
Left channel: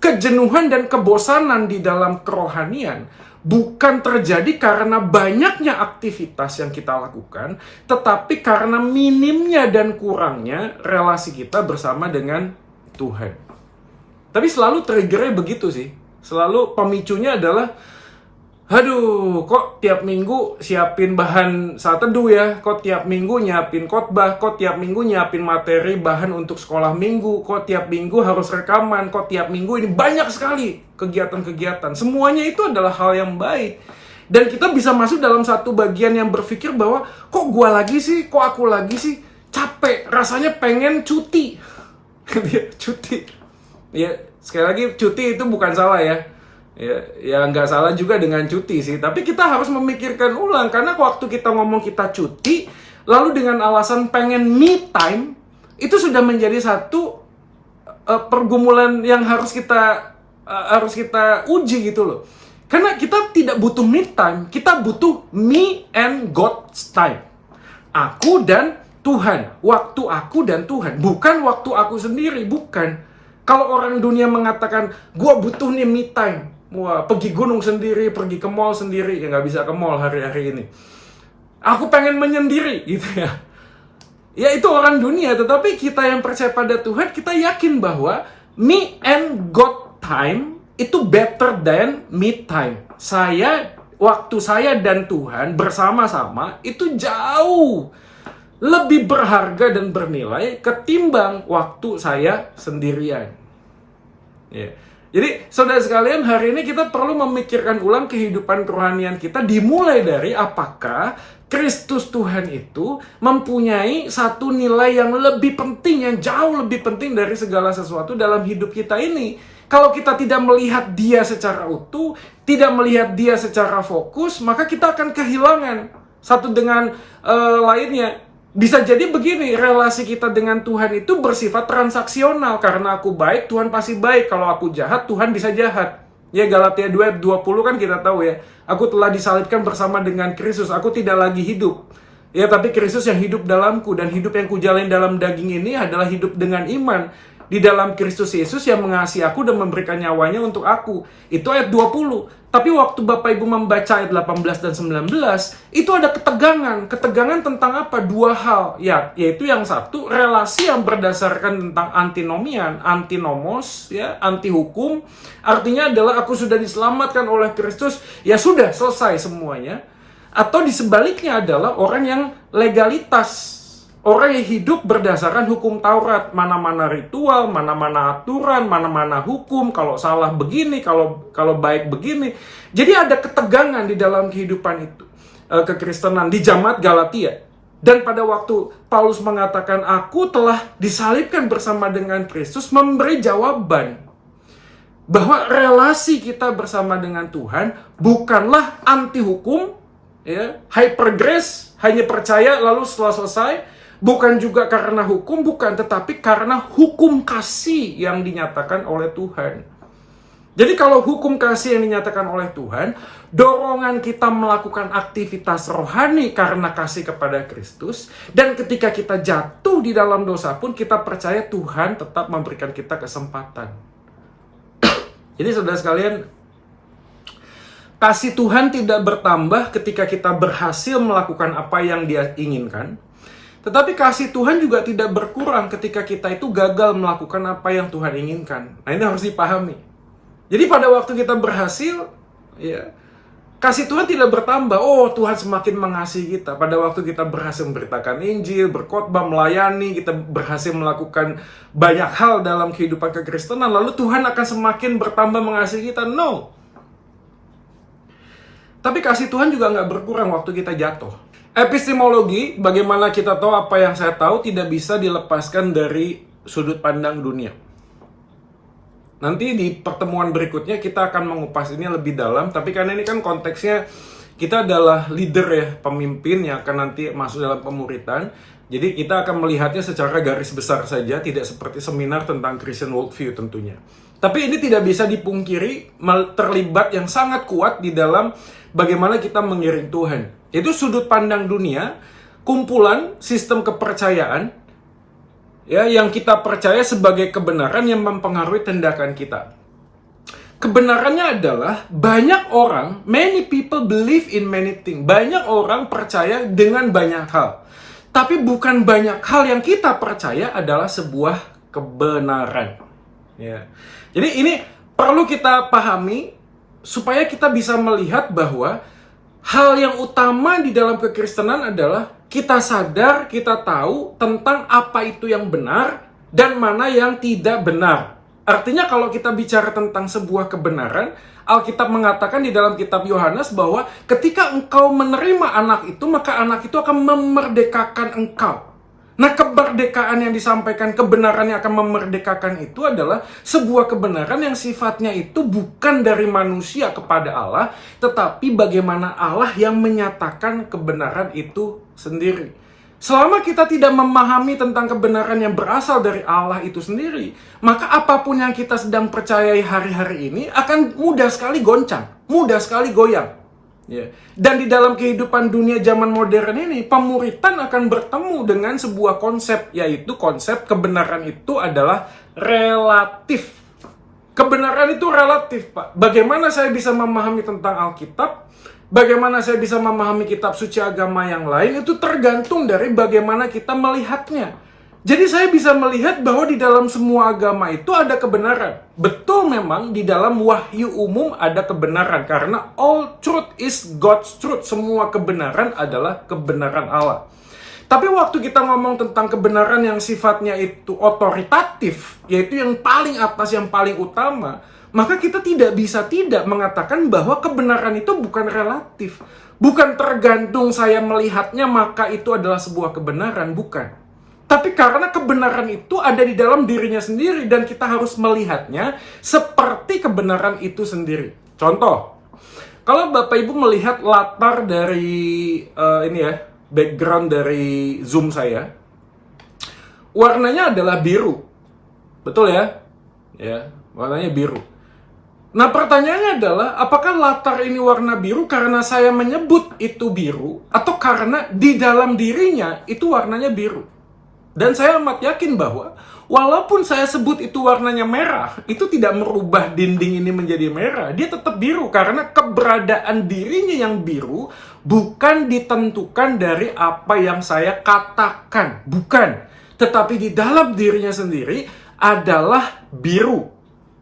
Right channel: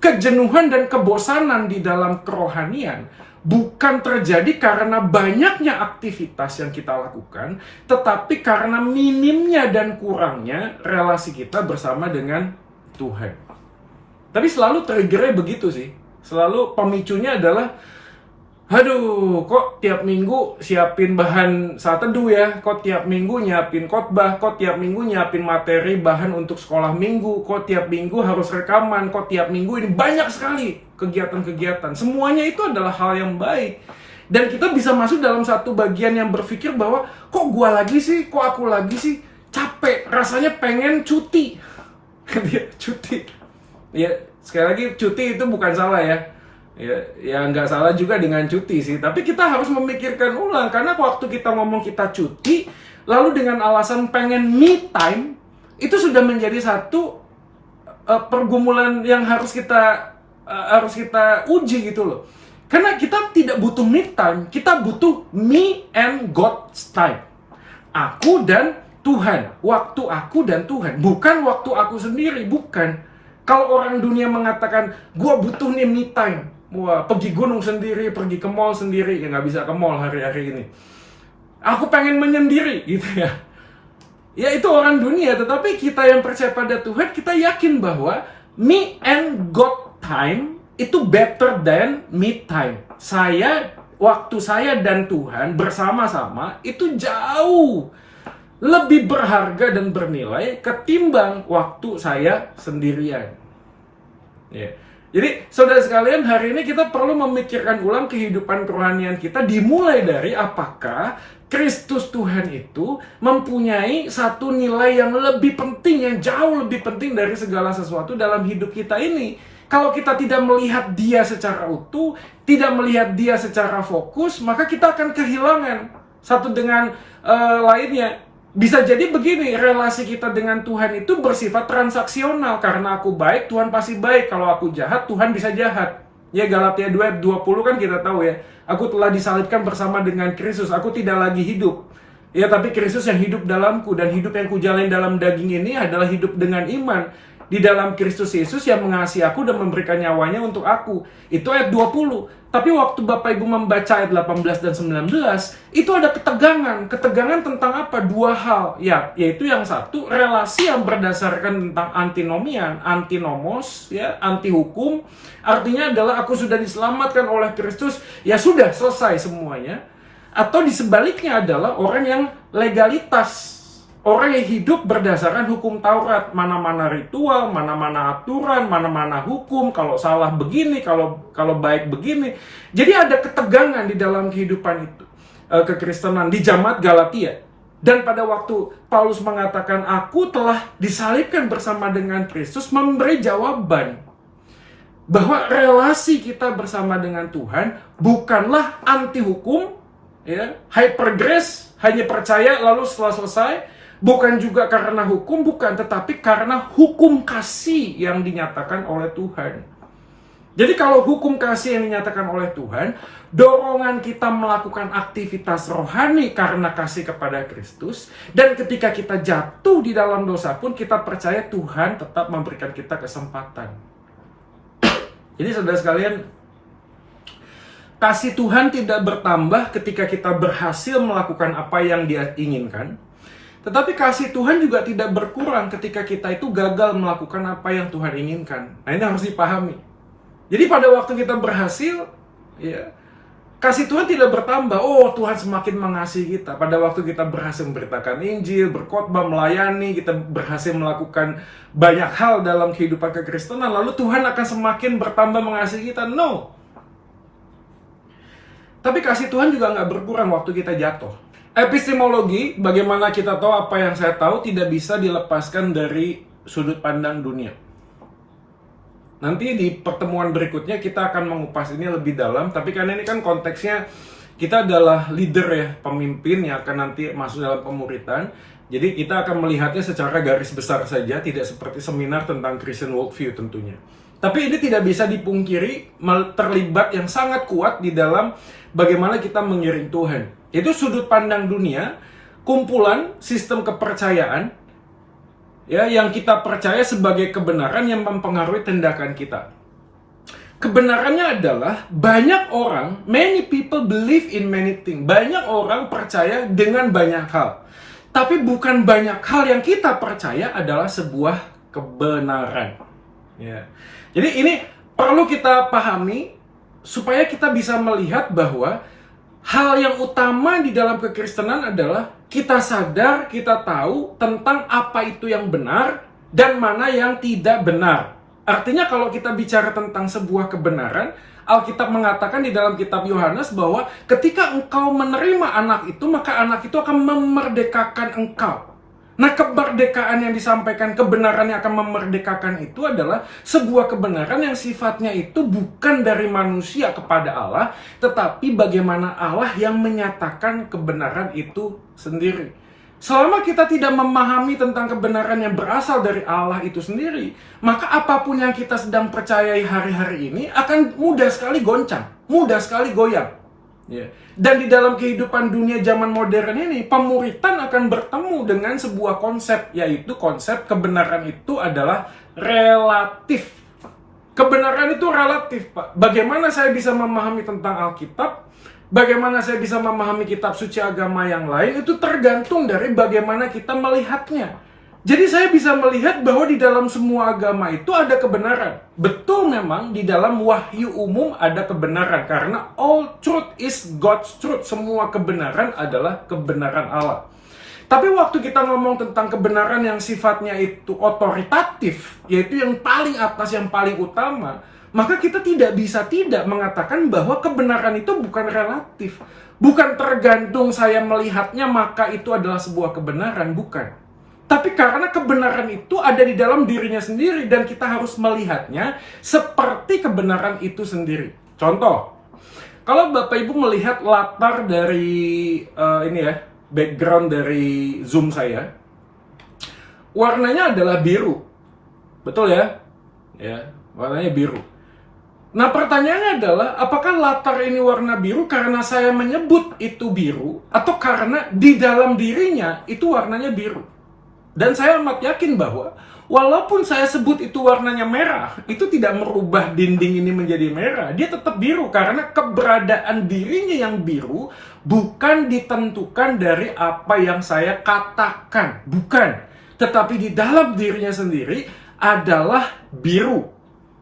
Kejenuhan dan kebosanan di dalam kerohanian bukan terjadi karena banyaknya aktivitas yang kita lakukan, tetapi karena minimnya dan kurangnya relasi kita bersama dengan Tuhan. Tapi selalu triggernya begitu sih. Selalu pemicunya adalah, aduh, kok tiap minggu siapin bahan saat teduh ya, kok tiap minggu nyiapin khotbah, kok tiap minggu nyiapin materi bahan untuk sekolah minggu, kok tiap minggu harus rekaman, kok tiap minggu ini banyak sekali kegiatan-kegiatan. Semuanya itu adalah hal yang baik. Dan kita bisa masuk dalam satu bagian yang berpikir bahwa, kok gua lagi sih, kok aku lagi sih, capek, rasanya pengen cuti. Cuti. Ya, sekali lagi cuti itu bukan salah ya. Ya nggak salah juga dengan cuti sih. Tapi kita harus memikirkan ulang. Karena waktu kita ngomong kita cuti, lalu dengan alasan pengen me time, itu sudah menjadi satu pergumulan yang harus kita uji gitu loh. Karena kita tidak butuh me time, kita butuh me and God's time. Aku dan Tuhan. Waktu aku dan Tuhan. Bukan waktu aku sendiri, bukan. Kalau orang dunia mengatakan, gua butuh nih me time. Wah, pergi gunung sendiri, pergi ke mall sendiri. Ya nggak bisa ke mall hari-hari ini. Aku pengen menyendiri, gitu ya. Ya itu orang dunia, tetapi kita yang percaya pada Tuhan, kita yakin bahwa me and God time itu better than me time. Waktu saya dan Tuhan bersama-sama itu jauh lebih berharga dan bernilai ketimbang waktu saya sendirian. Ya. Jadi saudara sekalian, hari ini kita perlu memikirkan ulang kehidupan kerohanian kita, dimulai dari apakah Kristus Tuhan itu mempunyai satu nilai yang lebih penting, yang jauh lebih penting dari segala sesuatu dalam hidup kita ini. Kalau kita tidak melihat dia secara utuh, tidak melihat dia secara fokus, maka kita akan kehilangan satu dengan lainnya. Bisa jadi begini, relasi kita dengan Tuhan itu bersifat transaksional. Karena aku baik, Tuhan pasti baik. Kalau aku jahat, Tuhan bisa jahat. Ya, Galatia 2:20 kan kita tahu ya. Aku telah disalibkan bersama dengan Kristus, aku tidak lagi hidup. Ya, tapi Kristus yang hidup dalamku, dan hidup yang kujalani dalam daging ini adalah hidup dengan iman di dalam Kristus Yesus yang mengasihi aku dan memberikan nyawanya untuk aku. Itu ayat 20. Tapi waktu Bapak Ibu membaca ayat 18 dan 19, itu ada ketegangan. Ketegangan tentang apa? Dua hal. Ya, yaitu yang satu, relasi yang berdasarkan tentang antinomian, antinomos, ya, anti hukum. Artinya adalah aku sudah diselamatkan oleh Kristus, ya sudah selesai semuanya. Atau di sebaliknya adalah orang yang legalitas. Orang yang hidup berdasarkan hukum Taurat, mana-mana ritual, mana-mana aturan, mana-mana hukum, kalau salah begini, kalau baik begini. Jadi ada ketegangan di dalam kehidupan itu, kekristenan di jamaat Galatia. Dan pada waktu Paulus mengatakan, aku telah disalibkan bersama dengan Kristus, memberi jawaban bahwa relasi kita bersama dengan Tuhan bukanlah anti hukum, ya, hyper grace, hanya percaya lalu setelah selesai. Bukan juga karena hukum, bukan, tetapi karena hukum kasih yang dinyatakan oleh Tuhan. Jadi kalau hukum kasih yang dinyatakan oleh Tuhan, dorongan kita melakukan aktivitas rohani karena kasih kepada Kristus, dan ketika kita jatuh di dalam dosa pun kita percaya Tuhan tetap memberikan kita kesempatan. Jadi saudara sekalian, kasih Tuhan tidak bertambah ketika kita berhasil melakukan apa yang Dia inginkan. Tetapi kasih Tuhan juga tidak berkurang ketika kita itu gagal melakukan apa yang Tuhan inginkan. Nah, ini harus dipahami. Jadi pada waktu kita berhasil, ya, kasih Tuhan tidak bertambah. Oh, Tuhan semakin mengasihi kita. Pada waktu kita berhasil memberitakan Injil, berkhotbah, melayani, kita berhasil melakukan banyak hal dalam kehidupan kekristenan, lalu Tuhan akan semakin bertambah mengasihi kita. No. Tapi kasih Tuhan juga nggak berkurang waktu kita jatuh. Epistemologi, bagaimana kita tahu apa yang saya tahu, tidak bisa dilepaskan dari sudut pandang dunia. Nanti di pertemuan berikutnya kita akan mengupas ini lebih dalam, tapi karena ini kan konteksnya kita adalah leader ya, pemimpin yang akan nanti masuk dalam pemuritan. Jadi kita akan melihatnya secara garis besar saja, tidak seperti seminar tentang Christian worldview tentunya. Tapi ini tidak bisa dipungkiri terlibat yang sangat kuat di dalam bagaimana kita mengiring Tuhan. Itu sudut pandang dunia, kumpulan sistem kepercayaan ya, yang kita percaya sebagai kebenaran yang mempengaruhi tindakan kita. Kebenarannya adalah banyak orang, many people believe in many things. Banyak orang percaya dengan banyak hal. Tapi bukan banyak hal yang kita percaya adalah sebuah kebenaran. Ya. Jadi ini perlu kita pahami supaya kita bisa melihat bahwa hal yang utama di dalam kekristenan adalah kita sadar, kita tahu tentang apa itu yang benar dan mana yang tidak benar. Artinya kalau kita bicara tentang sebuah kebenaran, Alkitab mengatakan di dalam kitab Yohanes bahwa ketika engkau menerima anak itu, maka anak itu akan memerdekakan engkau. Nah, kemerdekaan yang disampaikan, kebenaran yang akan memerdekakan itu adalah sebuah kebenaran yang sifatnya itu bukan dari manusia kepada Allah, tetapi bagaimana Allah yang menyatakan kebenaran itu sendiri. Selama kita tidak memahami tentang kebenaran yang berasal dari Allah itu sendiri, maka apapun yang kita sedang percayai hari-hari ini akan mudah sekali goncang, mudah sekali goyang. Ya. Dan di dalam kehidupan dunia zaman modern ini, pemuritan akan bertemu dengan sebuah konsep, yaitu konsep kebenaran itu adalah relatif. Kebenaran itu relatif, Pak. Bagaimana saya bisa memahami tentang Alkitab? Bagaimana saya bisa memahami kitab suci agama yang lain? Itu tergantung dari bagaimana kita melihatnya. Jadi saya bisa melihat bahwa di dalam semua agama itu ada kebenaran. Betul, memang di dalam wahyu umum ada kebenaran. Karena all truth is God's truth. Semua kebenaran adalah kebenaran Allah. Tapi waktu kita ngomong tentang kebenaran yang sifatnya itu otoritatif, yaitu yang paling atas, yang paling utama, maka kita tidak bisa tidak mengatakan bahwa kebenaran itu bukan relatif. Bukan tergantung saya melihatnya maka itu adalah sebuah kebenaran, bukan. Tapi karena kebenaran itu ada di dalam dirinya sendiri dan kita harus melihatnya seperti kebenaran itu sendiri. Contoh, kalau Bapak Ibu melihat latar dari background dari Zoom saya, warnanya adalah biru. Betul ya? Ya, warnanya biru. Nah, pertanyaannya adalah, apakah latar ini warna biru karena saya menyebut itu biru, atau karena di dalam dirinya itu warnanya biru? Dan saya amat yakin bahwa, walaupun saya sebut itu warnanya merah, itu tidak merubah dinding ini menjadi merah. Dia tetap biru, karena keberadaan dirinya yang biru bukan ditentukan dari apa yang saya katakan. Bukan. Tetapi di dalam dirinya sendiri adalah biru.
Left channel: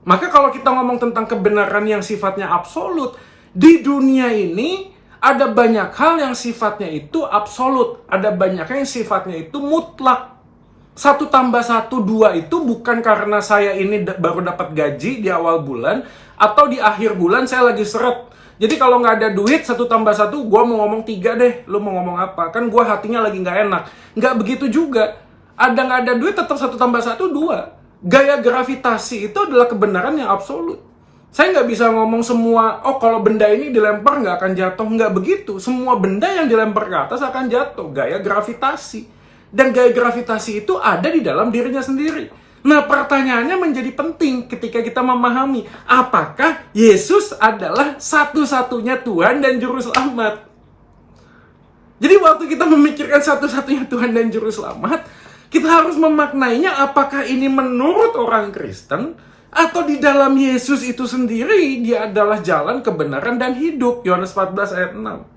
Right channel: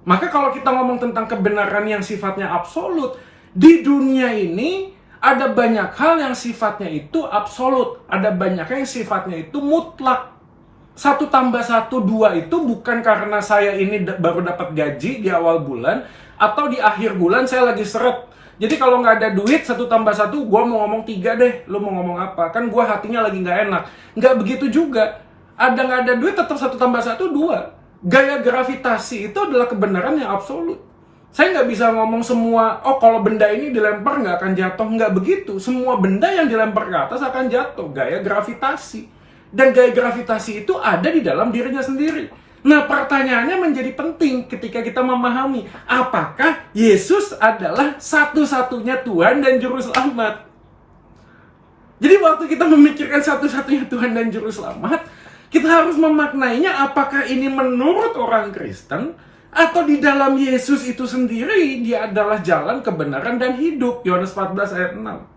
Maka kalau kita ngomong tentang kebenaran yang sifatnya absolut, di dunia ini ada banyak hal yang sifatnya itu absolut, ada banyak hal yang sifatnya itu mutlak. 1 tambah 1, 2 itu bukan karena saya ini baru dapat gaji di awal bulan, atau di akhir bulan saya lagi seret. Jadi kalau nggak ada duit, 1 tambah 1, gue mau ngomong 3 deh, lo mau ngomong apa? Kan gue hatinya lagi nggak enak. Nggak begitu juga. Ada nggak ada duit, tetap 1 tambah 1, 2. Gaya gravitasi itu adalah kebenaran yang absolut. Saya nggak bisa ngomong semua, oh kalau benda ini dilempar nggak akan jatuh. Nggak begitu. Semua benda yang dilempar ke atas akan jatuh. Gaya gravitasi. Dan gaya gravitasi itu ada di dalam dirinya sendiri. Nah, pertanyaannya menjadi penting ketika kita memahami, apakah Yesus adalah satu-satunya Tuhan dan Juru Selamat? Jadi waktu kita memikirkan satu-satunya Tuhan dan Juru Selamat, kita harus memaknainya apakah ini menurut orang Kristen atau di dalam Yesus itu sendiri dia adalah jalan, kebenaran, dan hidup. Yohanes 14 ayat 6.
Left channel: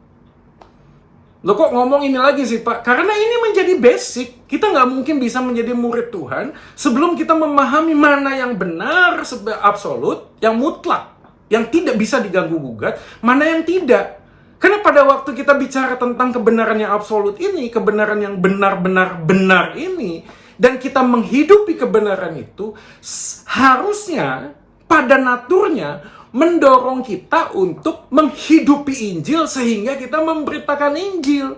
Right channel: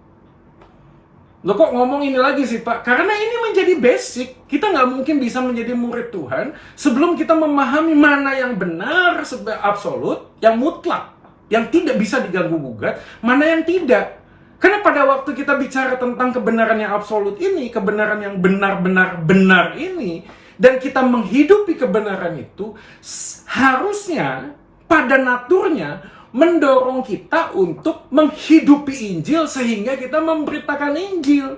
Loh kok ngomong ini lagi sih Pak? Karena ini menjadi basic. Kita nggak mungkin bisa menjadi murid Tuhan sebelum kita memahami mana yang benar, absolut, yang mutlak, yang tidak bisa diganggu-gugat, mana yang tidak. Karena pada waktu kita bicara tentang kebenaran yang absolut ini, kebenaran yang benar-benar benar ini, dan kita menghidupi kebenaran itu, harusnya pada naturnya mendorong kita untuk menghidupi Injil sehingga kita memberitakan Injil.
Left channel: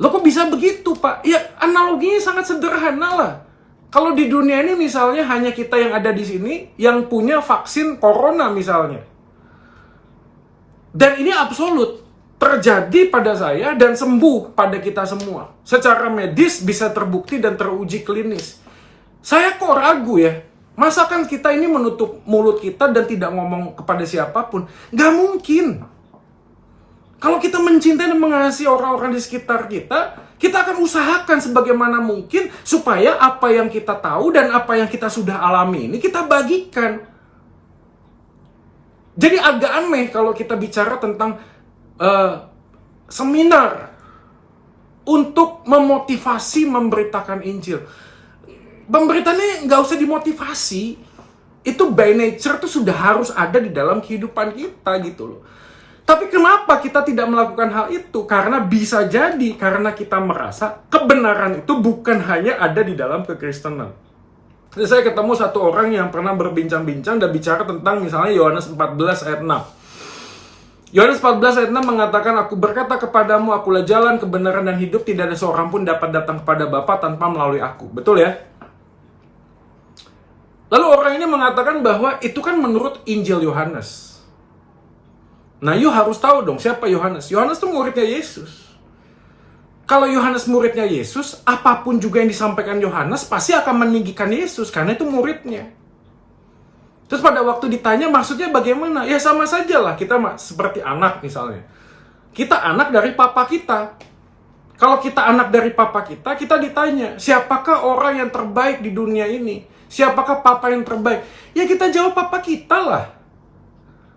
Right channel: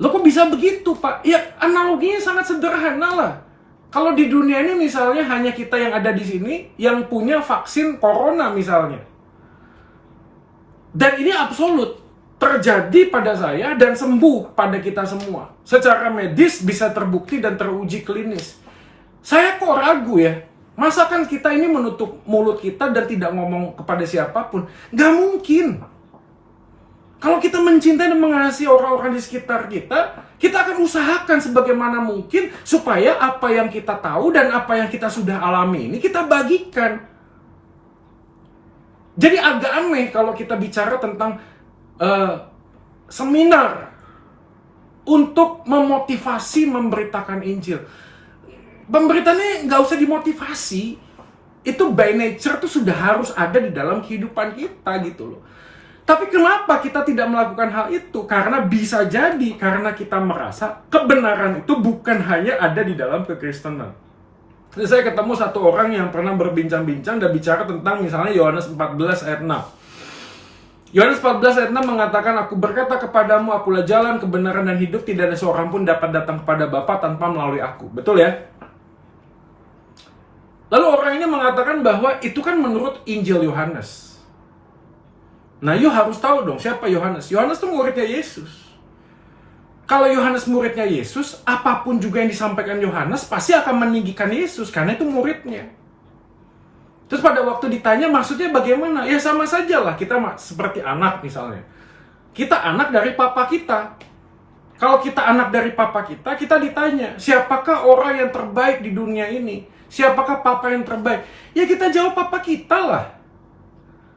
Loh kok bisa begitu Pak? Ya analoginya sangat sederhana lah. Kalau di dunia ini misalnya hanya kita yang ada di sini yang punya vaksin corona misalnya. Dan ini absolut terjadi pada saya dan sembuh pada kita semua. Secara medis bisa terbukti dan teruji klinis. Saya kok ragu ya. Masakan kita ini menutup mulut kita dan tidak ngomong kepada siapapun? Gak mungkin. Kalau kita mencintai dan mengasihi orang-orang di sekitar kita, kita akan usahakan sebagaimana mungkin supaya apa yang kita tahu dan apa yang kita sudah alami ini kita bagikan. Jadi agak aneh kalau kita bicara tentang seminar untuk memotivasi memberitakan Injil. Pemberitaannya nggak usah dimotivasi. Itu by nature tuh sudah harus ada di dalam kehidupan kita gitu loh. Tapi kenapa kita tidak melakukan hal itu? Karena bisa jadi karena kita merasa kebenaran itu bukan hanya ada di dalam kekristenan. Saya ketemu satu orang yang pernah berbincang-bincang dan bicara tentang misalnya Yohanes 14 ayat 6. Yohanes 14 ayat 6 mengatakan, aku berkata kepadamu, akulah jalan, kebenaran, dan hidup, tidak ada seorang pun dapat datang kepada Bapa tanpa melalui aku. Betul ya? Lalu orang ini mengatakan bahwa itu kan menurut Injil Yohanes. Nah, you harus tahu dong siapa Yohanes. Yohanes itu muridnya Yesus. Kalau Yohanes muridnya Yesus, apapun juga yang disampaikan Yohanes pasti akan meninggikan Yesus, karena itu muridnya. Terus pada waktu ditanya maksudnya bagaimana? Ya sama saja lah, kita seperti anak misalnya. Kita anak dari papa kita. Kalau kita anak dari papa kita, kita ditanya, siapakah orang yang terbaik di dunia ini? Siapakah papa yang terbaik? Ya kita jawab papa kita lah.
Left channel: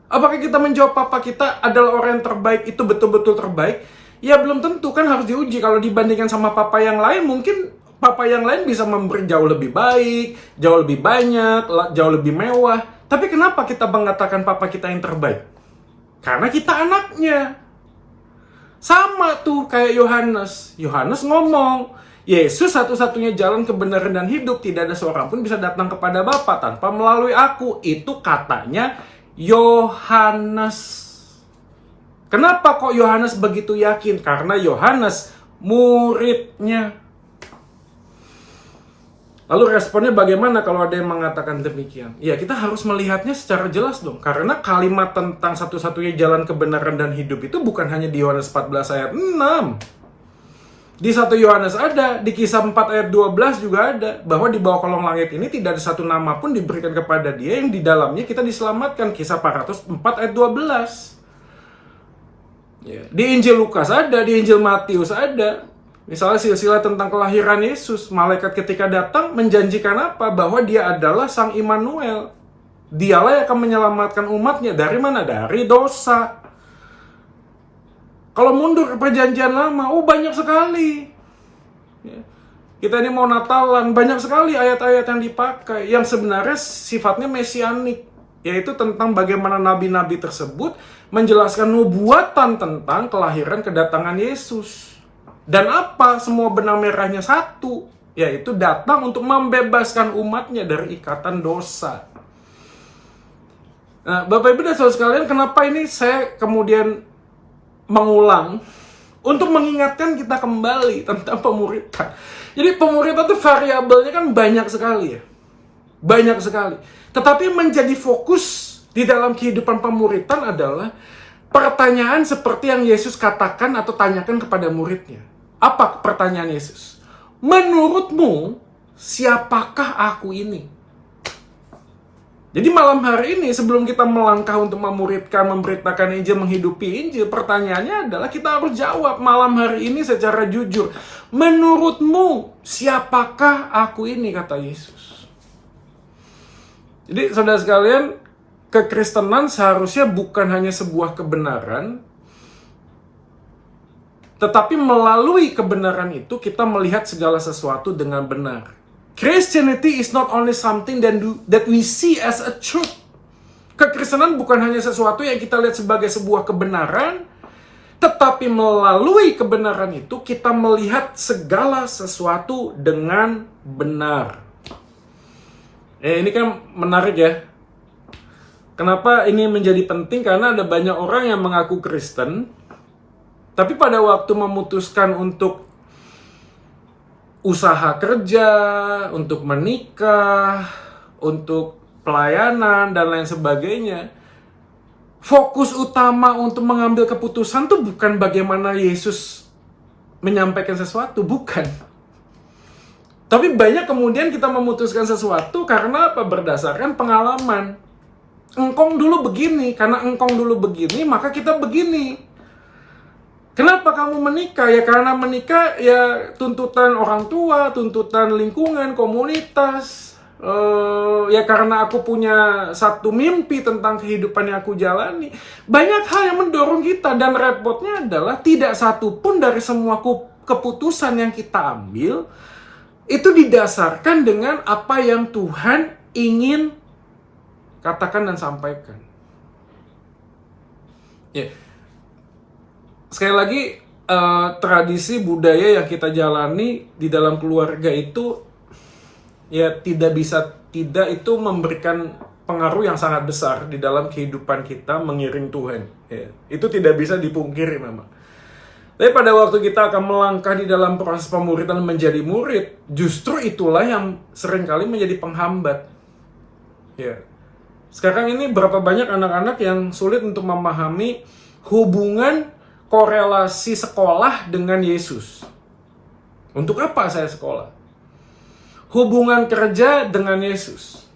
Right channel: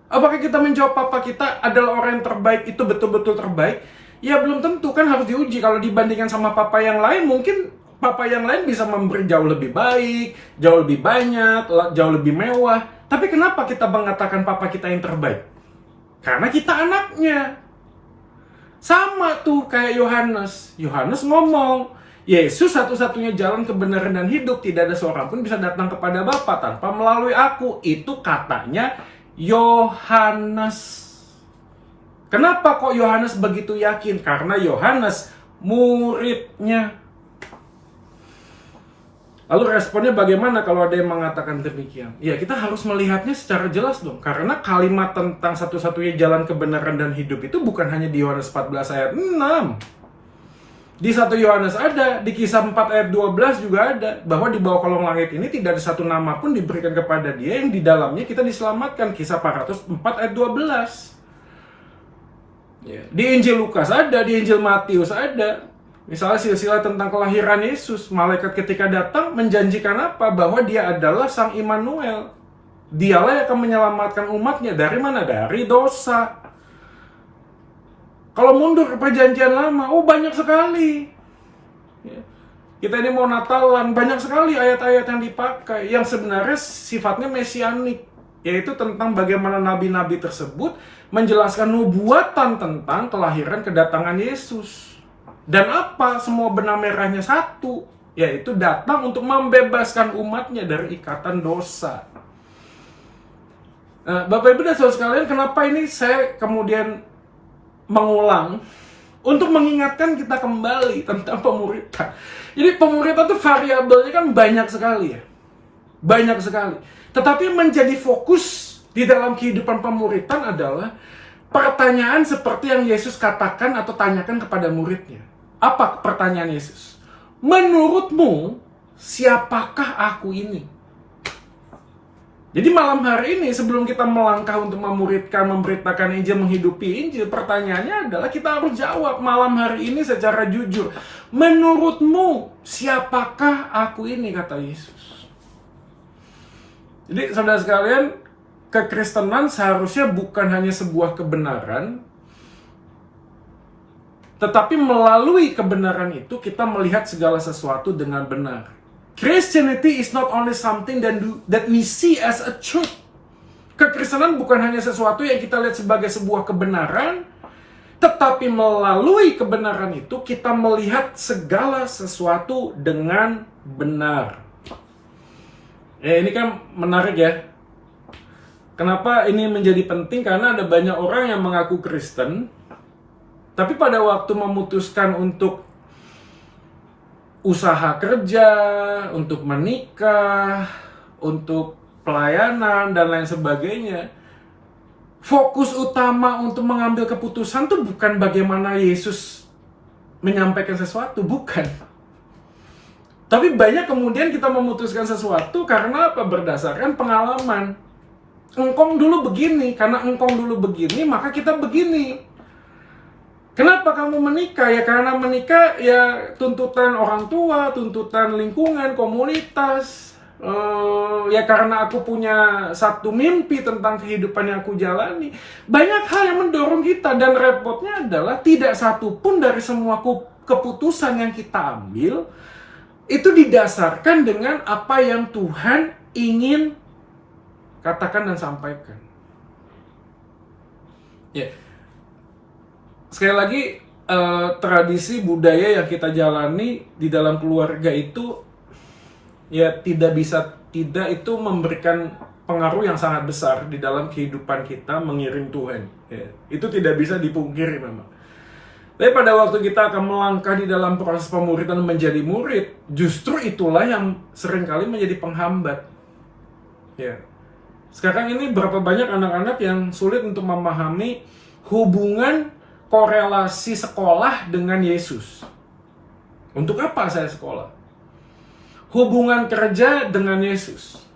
Apakah kita menjawab papa kita adalah orang yang terbaik, itu betul-betul terbaik? Ya belum tentu, kan harus diuji. Kalau dibandingkan sama papa yang lain, mungkin papa yang lain bisa memberi jauh lebih baik, jauh lebih banyak, jauh lebih mewah. Tapi kenapa kita mengatakan papa kita yang terbaik? Karena kita anaknya. Sama tuh kayak Yohanes. Yohanes ngomong, Yesus satu-satunya jalan, kebenaran, dan hidup. Tidak ada seorang pun bisa datang kepada Bapa tanpa melalui aku. Itu katanya Yohanes. Kenapa kok Yohanes begitu yakin? Karena Yohanes muridnya. Lalu responnya bagaimana kalau ada yang mengatakan demikian? Ya, kita harus melihatnya secara jelas dong. Karena kalimat tentang satu-satunya jalan kebenaran dan hidup itu bukan hanya di Yohanes 14 ayat 6. Di 1 Yohanes ada, di Kisah 4 ayat 12 juga ada. Bahwa di bawah kolong langit ini tidak ada satu nama pun diberikan kepada dia yang di dalamnya kita diselamatkan. Kisah 404 ayat 12. Ya. Di Injil Lukas ada, di Injil Matius ada. Misalnya silsilah tentang kelahiran Yesus, malaikat ketika datang menjanjikan apa? Bahwa dia adalah Sang Immanuel. Dialah yang akan menyelamatkan umatnya. Dari mana? Dari dosa. Kalau mundur ke perjanjian lama, banyak sekali. Kita ini mau Natalan, banyak sekali ayat-ayat yang dipakai. Yang sebenarnya sifatnya mesianik. Yaitu tentang bagaimana nabi-nabi tersebut menjelaskan nubuatan tentang kelahiran kedatangan Yesus. Dan apa? Semua benang merahnya satu, yaitu datang untuk membebaskan umatnya dari ikatan dosa. Nah, Bapak Ibu dan Saudara sekalian, kenapa ini saya kemudian mengulang? Untuk mengingatkan kita kembali tentang pemuritan. Jadi pemuritan itu variabelnya kan banyak sekali ya. Banyak sekali. Tetapi menjadi fokus di dalam kehidupan pemuritan adalah pertanyaan seperti yang Yesus katakan atau tanyakan kepada muridnya. Apa pertanyaan Yesus? Menurutmu, siapakah aku ini? Jadi malam hari ini sebelum kita melangkah untuk memuridkan, memberitakan Injil, menghidupi Injil, pertanyaannya adalah kita harus jawab malam hari ini secara jujur. Menurutmu, siapakah aku ini? Kata Yesus. Jadi saudara sekalian, kekristenan seharusnya bukan hanya sebuah kebenaran, tetapi melalui kebenaran itu kita melihat segala sesuatu dengan benar. Christianity is not only something that we see as a truth. Kekristenan bukan hanya sesuatu yang kita lihat sebagai sebuah kebenaran, tetapi melalui kebenaran itu kita melihat segala sesuatu dengan benar. Ini kan menarik ya. Kenapa ini menjadi penting? Karena ada banyak orang yang mengaku Kristen, tapi pada waktu memutuskan untuk usaha kerja, untuk menikah, untuk pelayanan, dan lain sebagainya, fokus utama untuk mengambil keputusan itu bukan bagaimana Yesus menyampaikan sesuatu, bukan. Tapi banyak kemudian kita memutuskan sesuatu karena apa? Berdasarkan pengalaman. Engkong dulu begini, karena engkong dulu begini, maka kita begini. Kenapa kamu menikah? Ya karena menikah ya tuntutan orang tua, tuntutan lingkungan, komunitas. Ya karena aku punya satu mimpi tentang kehidupan yang aku jalani. Banyak hal yang mendorong kita, dan repotnya adalah tidak satu pun dari semua keputusan yang kita ambil itu didasarkan dengan apa yang Tuhan ingin katakan dan sampaikan. Ya. Sekali lagi, tradisi budaya yang kita jalani di dalam keluarga itu ya tidak itu memberikan pengaruh yang sangat besar di dalam kehidupan kita mengiring Tuhan. Ya. Itu tidak bisa dipungkiri memang. Tapi pada waktu kita akan melangkah di dalam proses pemuridan menjadi murid, justru itulah yang seringkali menjadi penghambat. Ya. Sekarang ini berapa banyak anak-anak yang sulit untuk memahami hubungan korelasi sekolah dengan Yesus. Untuk apa saya sekolah? Hubungan kerja dengan Yesus.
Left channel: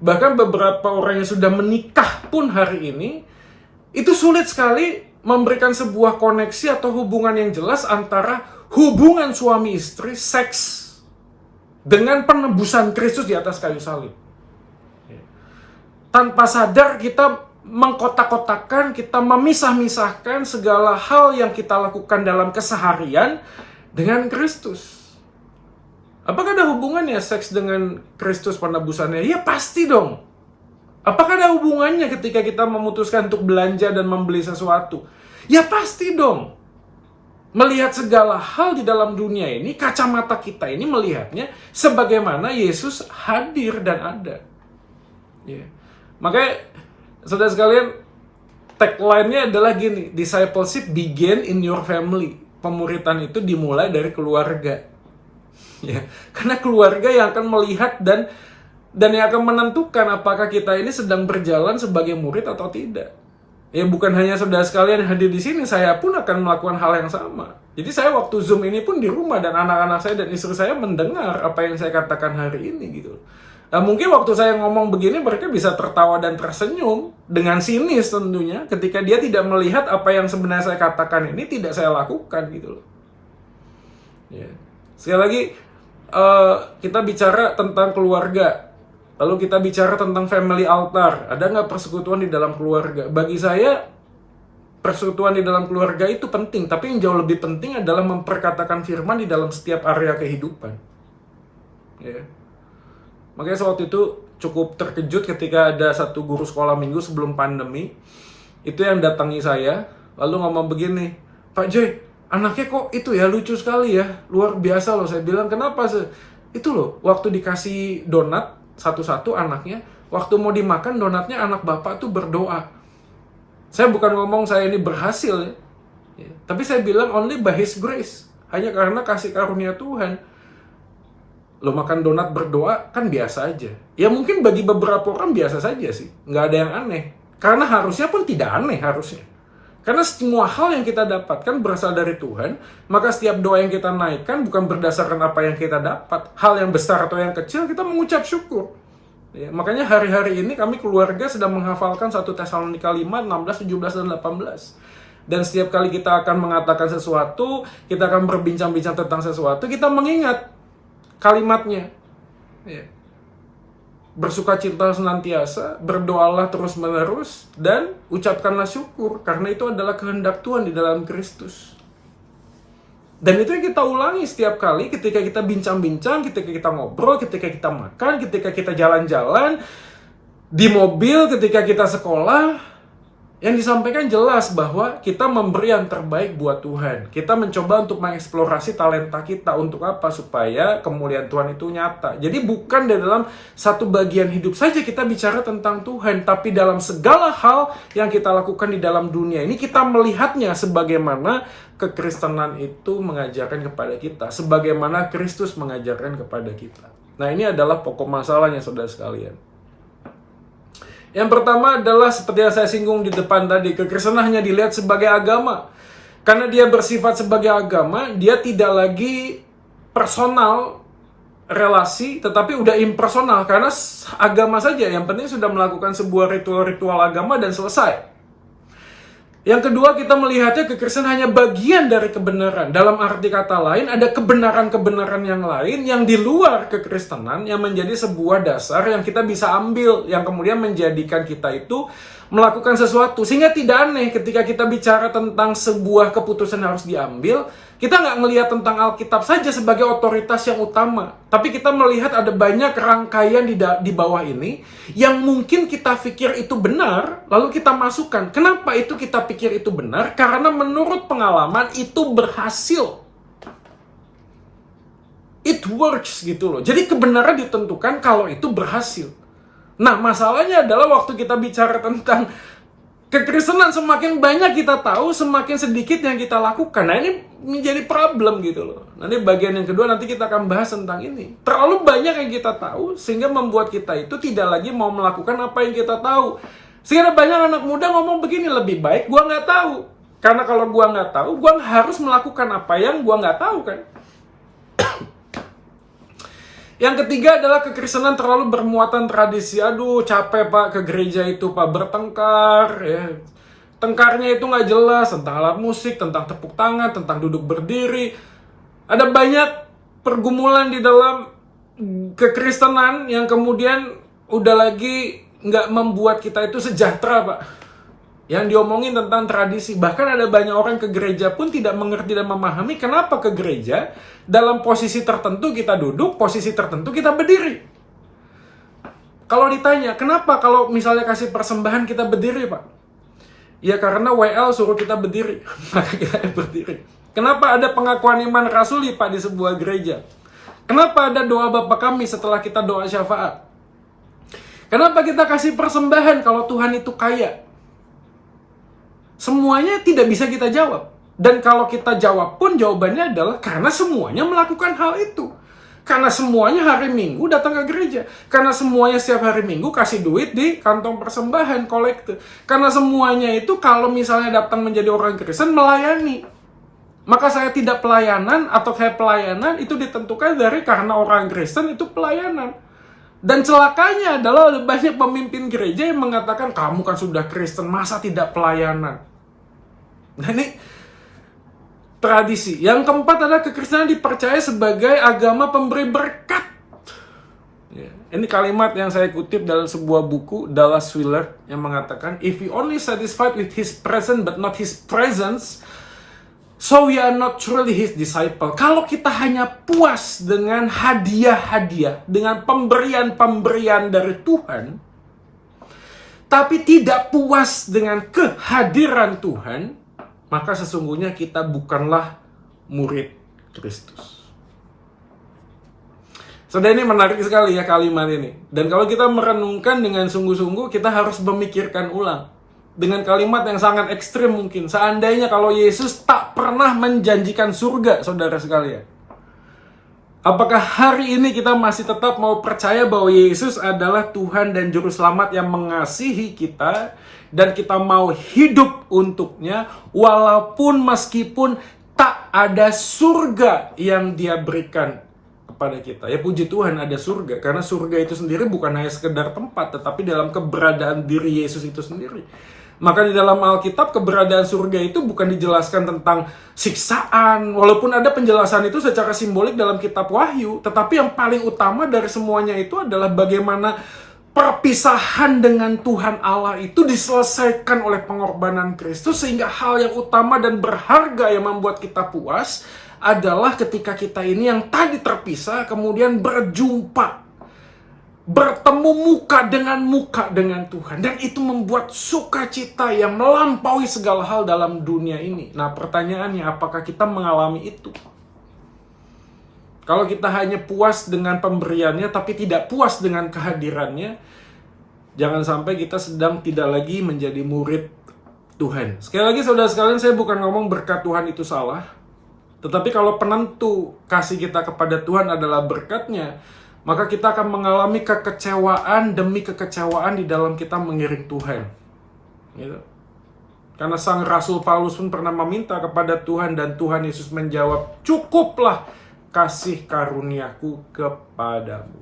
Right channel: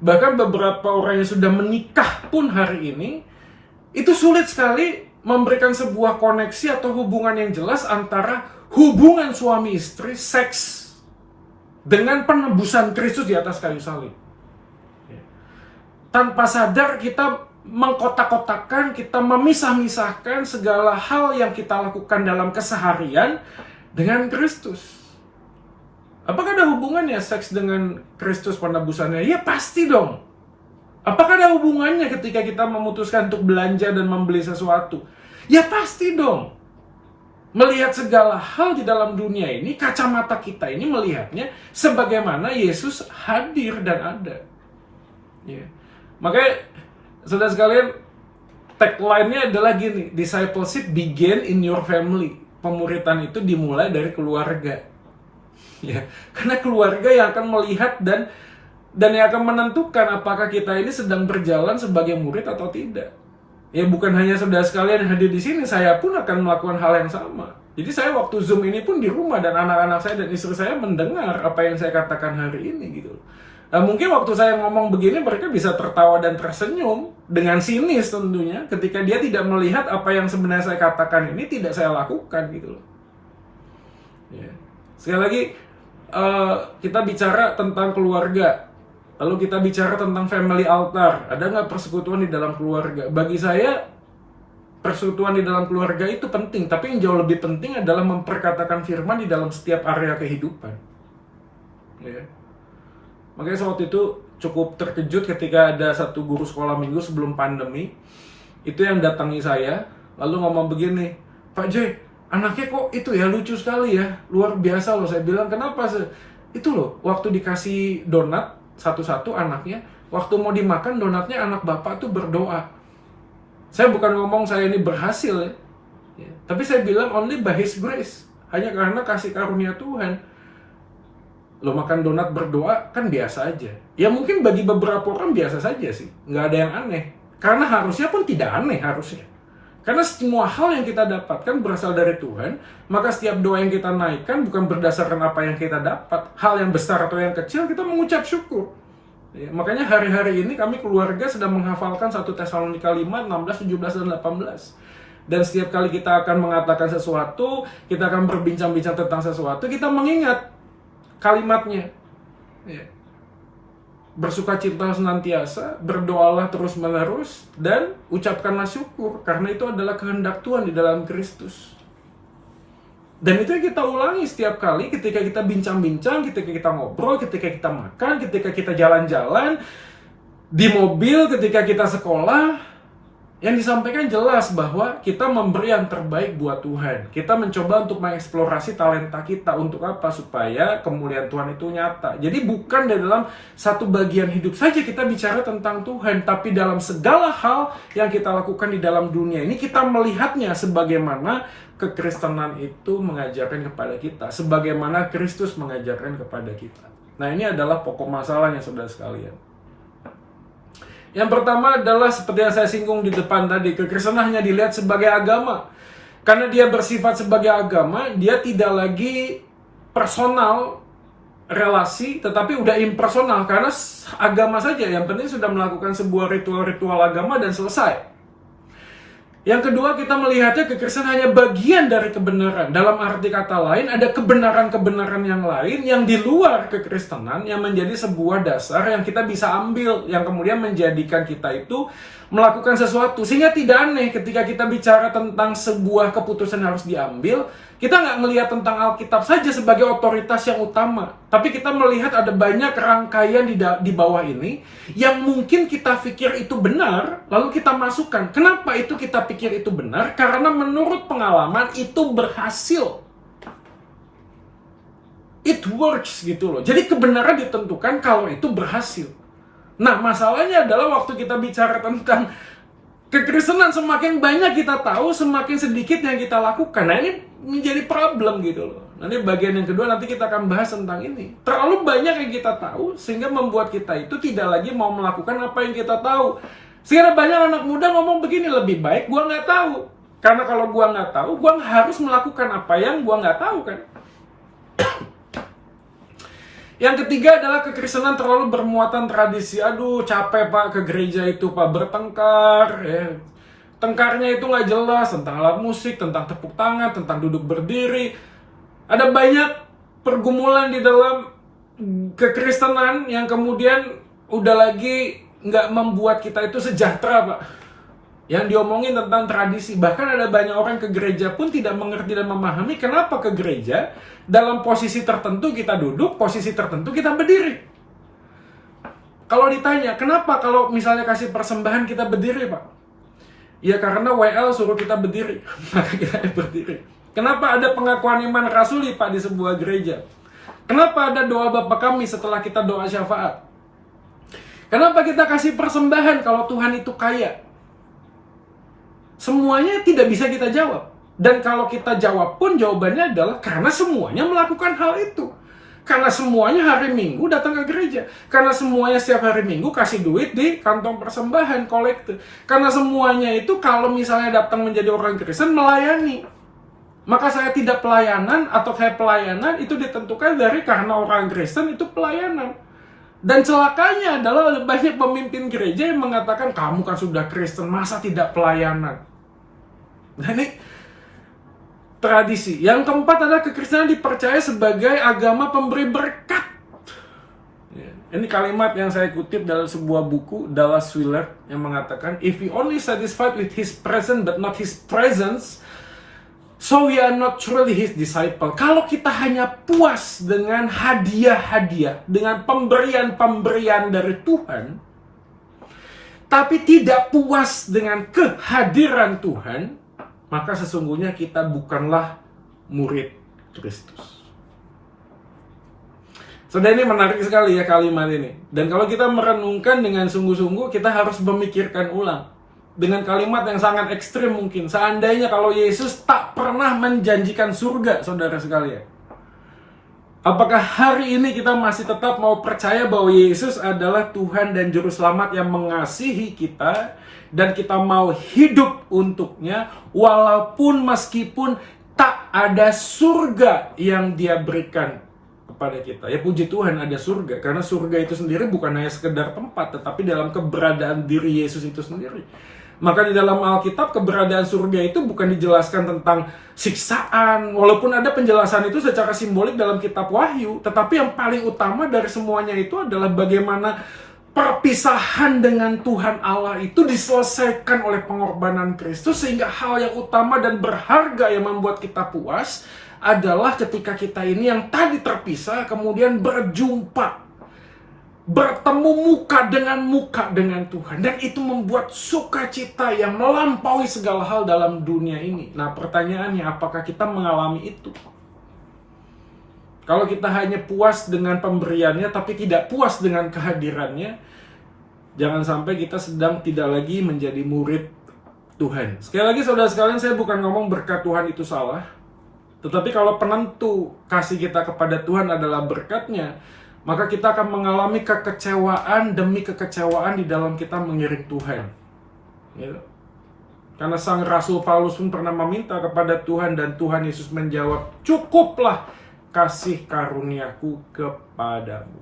Bahkan beberapa orang yang sudah menikah pun hari ini, itu sulit sekali memberikan sebuah koneksi atau hubungan yang jelas antara hubungan suami istri, seks, dengan penebusan Kristus di atas kayu salib. Tanpa sadar kita mengkotak-kotakan, kita memisah-misahkan segala hal yang kita lakukan dalam keseharian dengan Kristus. Apakah ada hubungannya seks dengan Kristus penebusannya? Ya pasti dong. Apakah ada hubungannya ketika kita memutuskan untuk belanja dan membeli sesuatu? Ya pasti dong. Melihat segala hal di dalam dunia ini, kacamata kita ini melihatnya sebagaimana Yesus hadir dan ada. Ya. Makanya, saudara sekalian, tagline-nya adalah gini, discipleship begin in your family. Pemuritan itu dimulai dari keluarga. Ya, karena keluarga yang akan melihat dan yang akan menentukan apakah kita ini sedang berjalan sebagai murid atau tidak. Ya, bukan hanya saudara sekalian yang hadir di sini, saya pun akan melakukan hal yang sama. Jadi saya waktu Zoom ini pun di rumah, dan anak-anak saya dan istri saya mendengar apa yang saya katakan hari ini gitu. Nah, mungkin waktu saya ngomong begini mereka bisa tertawa dan tersenyum dengan sinis tentunya, ketika dia tidak melihat apa yang sebenarnya saya katakan ini tidak saya lakukan gitu loh. Ya. Sekali lagi, kita bicara tentang keluarga. Lalu kita bicara tentang family altar. Ada nggak persekutuan di dalam keluarga? Bagi saya, persekutuan di dalam keluarga itu penting. Tapi yang jauh lebih penting adalah memperkatakan firman di dalam setiap area kehidupan. Ya. Makanya waktu itu cukup terkejut ketika ada satu guru sekolah minggu sebelum pandemi. Itu yang datangi saya. Lalu ngomong begini, Pak Joy, anaknya kok itu ya lucu sekali ya. Luar biasa loh. Saya bilang, kenapa sih? Itu loh, waktu dikasih donat, satu-satu anaknya, waktu mau dimakan donatnya anak bapak tuh berdoa. Saya bukan ngomong saya ini berhasil ya. Tapi saya bilang only by His grace, hanya karena kasih karunia Tuhan. Lo makan donat berdoa kan biasa aja. Ya mungkin bagi beberapa orang biasa saja sih, nggak ada yang aneh. Karena harusnya pun tidak aneh harusnya. Karena semua hal yang kita dapatkan berasal dari Tuhan, maka setiap doa yang kita naikkan bukan berdasarkan apa yang kita dapat. Hal yang besar atau yang kecil, kita mengucap syukur. Ya, makanya hari-hari ini kami keluarga sedang menghafalkan 1 Tesalonika 5, 16, 17, dan 18. Dan setiap kali kita akan mengatakan sesuatu, kita akan berbincang-bincang tentang sesuatu, kita mengingat kalimatnya. Ya. Bersukacita senantiasa, berdoalah terus-menerus, dan ucapkanlah syukur, karena itu adalah kehendak Tuhan di dalam Kristus. Dan itu yang kita ulangi setiap kali ketika kita bincang-bincang, ketika kita ngobrol, ketika kita makan, ketika kita jalan-jalan, di mobil, ketika kita sekolah. Yang disampaikan jelas bahwa kita memberi yang terbaik buat Tuhan. Kita mencoba untuk mengeksplorasi talenta kita. Untuk apa? Supaya kemuliaan Tuhan itu nyata. Jadi bukan dalam satu bagian hidup saja kita bicara tentang Tuhan, tapi dalam segala hal yang kita lakukan di dalam dunia ini, kita melihatnya sebagaimana kekristenan itu mengajarkan kepada kita, sebagaimana Kristus mengajarkan kepada kita. Nah, ini adalah pokok masalahnya, saudara sekalian. Yang pertama adalah seperti yang saya singgung di depan tadi, kekristenan hanya dilihat sebagai agama. Karena dia bersifat sebagai agama, dia tidak lagi personal relasi, tetapi udah impersonal. Karena agama saja, yang penting sudah melakukan sebuah ritual-ritual agama dan selesai. Yang kedua, kita melihatnya kekristenan hanya bagian dari kebenaran. Dalam arti kata lain, ada kebenaran-kebenaran yang lain yang di luar kekristenan yang menjadi sebuah dasar yang kita bisa ambil, yang kemudian menjadikan kita itu melakukan sesuatu. Sehingga tidak aneh ketika kita bicara tentang sebuah keputusan harus diambil, kita nggak melihat tentang Alkitab saja sebagai otoritas yang utama. Tapi kita melihat ada banyak rangkaian di bawah ini yang mungkin kita pikir itu benar, lalu kita masukkan. Kenapa itu kita pikir itu benar? Karena menurut pengalaman itu berhasil. It works gitu loh. Jadi kebenaran ditentukan kalau itu berhasil. Nah, masalahnya adalah waktu kita bicara tentang kekristenan, semakin banyak kita tahu, semakin sedikit yang kita lakukan. Nah, ini menjadi problem gitu loh. Nanti bagian yang kedua nanti kita akan bahas tentang ini. Terlalu banyak yang kita tahu sehingga membuat kita itu tidak lagi mau melakukan apa yang kita tahu. Sehingga banyak anak muda ngomong begini, lebih baik gua nggak tahu. Karena kalau gua nggak tahu, gua harus melakukan apa yang gua nggak tahu kan. Yang ketiga adalah kekristenan terlalu bermuatan tradisi. Aduh, capek pak ke gereja itu pak, bertengkar ya. Tengkarnya itu nggak jelas, tentang alat musik, tentang tepuk tangan, tentang duduk berdiri. Ada banyak pergumulan di dalam kekristenan yang kemudian udah lagi nggak membuat kita itu sejahtera pak. Yang diomongin tentang tradisi. Bahkan ada banyak orang ke gereja pun tidak mengerti dan memahami kenapa ke gereja dalam posisi tertentu kita duduk, posisi tertentu kita berdiri. Kalau ditanya, kenapa kalau misalnya kasih persembahan kita berdiri, Pak? Ya karena WL suruh kita berdiri, maka kita berdiri. Kenapa ada pengakuan iman rasuli, Pak, di sebuah gereja? Kenapa ada doa Bapa Kami setelah kita doa syafaat? Kenapa kita kasih persembahan kalau Tuhan itu kaya? Semuanya tidak bisa kita jawab. Dan kalau kita jawab pun jawabannya adalah karena semuanya melakukan hal itu. Karena semuanya hari Minggu datang ke gereja. Karena semuanya setiap hari Minggu kasih duit di kantong persembahan, kolekte. Karena semuanya itu kalau misalnya datang menjadi orang Kristen melayani. Maka saya tidak pelayanan atau saya pelayanan itu ditentukan dari karena orang Kristen itu pelayanan. Dan celakanya adalah banyak pemimpin gereja yang mengatakan kamu kan sudah Kristen, masa tidak pelayanan. Nah ini tradisi. Yang keempat adalah kekristenan dipercaya sebagai agama pemberi berkat. Ya. Ini kalimat yang saya kutip dalam sebuah buku Dallas Willard yang mengatakan, if we only satisfied with his presence but not his presence, so we are not truly his disciple. Kalau kita hanya puas dengan hadiah-hadiah, dengan pemberian-pemberian dari Tuhan, tapi tidak puas dengan kehadiran Tuhan, maka sesungguhnya kita bukanlah murid Kristus. Saudara, ini menarik sekali ya kalimat ini. Dan kalau kita merenungkan dengan sungguh-sungguh, kita harus memikirkan ulang. Dengan kalimat yang sangat ekstrim mungkin. Seandainya kalau Yesus tak pernah menjanjikan surga, saudara sekalian. Apakah hari ini kita masih tetap mau percaya bahwa Yesus adalah Tuhan dan Juru Selamat yang mengasihi kita, dan kita mau hidup untuknya, walaupun meskipun tak ada surga yang Dia berikan kepada kita. Ya puji Tuhan ada surga, karena surga itu sendiri bukan hanya sekedar tempat, tetapi dalam keberadaan diri Yesus itu sendiri. Maka di dalam Alkitab keberadaan surga itu bukan dijelaskan tentang siksaan, walaupun ada penjelasan itu secara simbolik dalam kitab Wahyu, tetapi yang paling utama dari semuanya itu adalah bagaimana perpisahan dengan Tuhan Allah itu diselesaikan oleh pengorbanan Kristus, sehingga hal yang utama dan berharga yang membuat kita puas adalah ketika kita ini yang tadi terpisah kemudian berjumpa, bertemu muka dengan Tuhan. Dan itu membuat sukacita yang melampaui segala hal dalam dunia ini. Nah pertanyaannya, apakah kita mengalami itu? Kalau kita hanya puas dengan pemberiannya tapi tidak puas dengan kehadirannya, jangan sampai kita sedang tidak lagi menjadi murid Tuhan. Sekali lagi saudara sekalian, saya bukan ngomong berkat Tuhan itu salah. Tetapi kalau penentu kasih kita kepada Tuhan adalah berkatnya, maka kita akan mengalami kekecewaan demi kekecewaan di dalam kita mengiring Tuhan. Gitu. Karena sang Rasul Paulus pun pernah meminta kepada Tuhan, dan Tuhan Yesus menjawab, cukuplah kasih karuniaku kepadamu.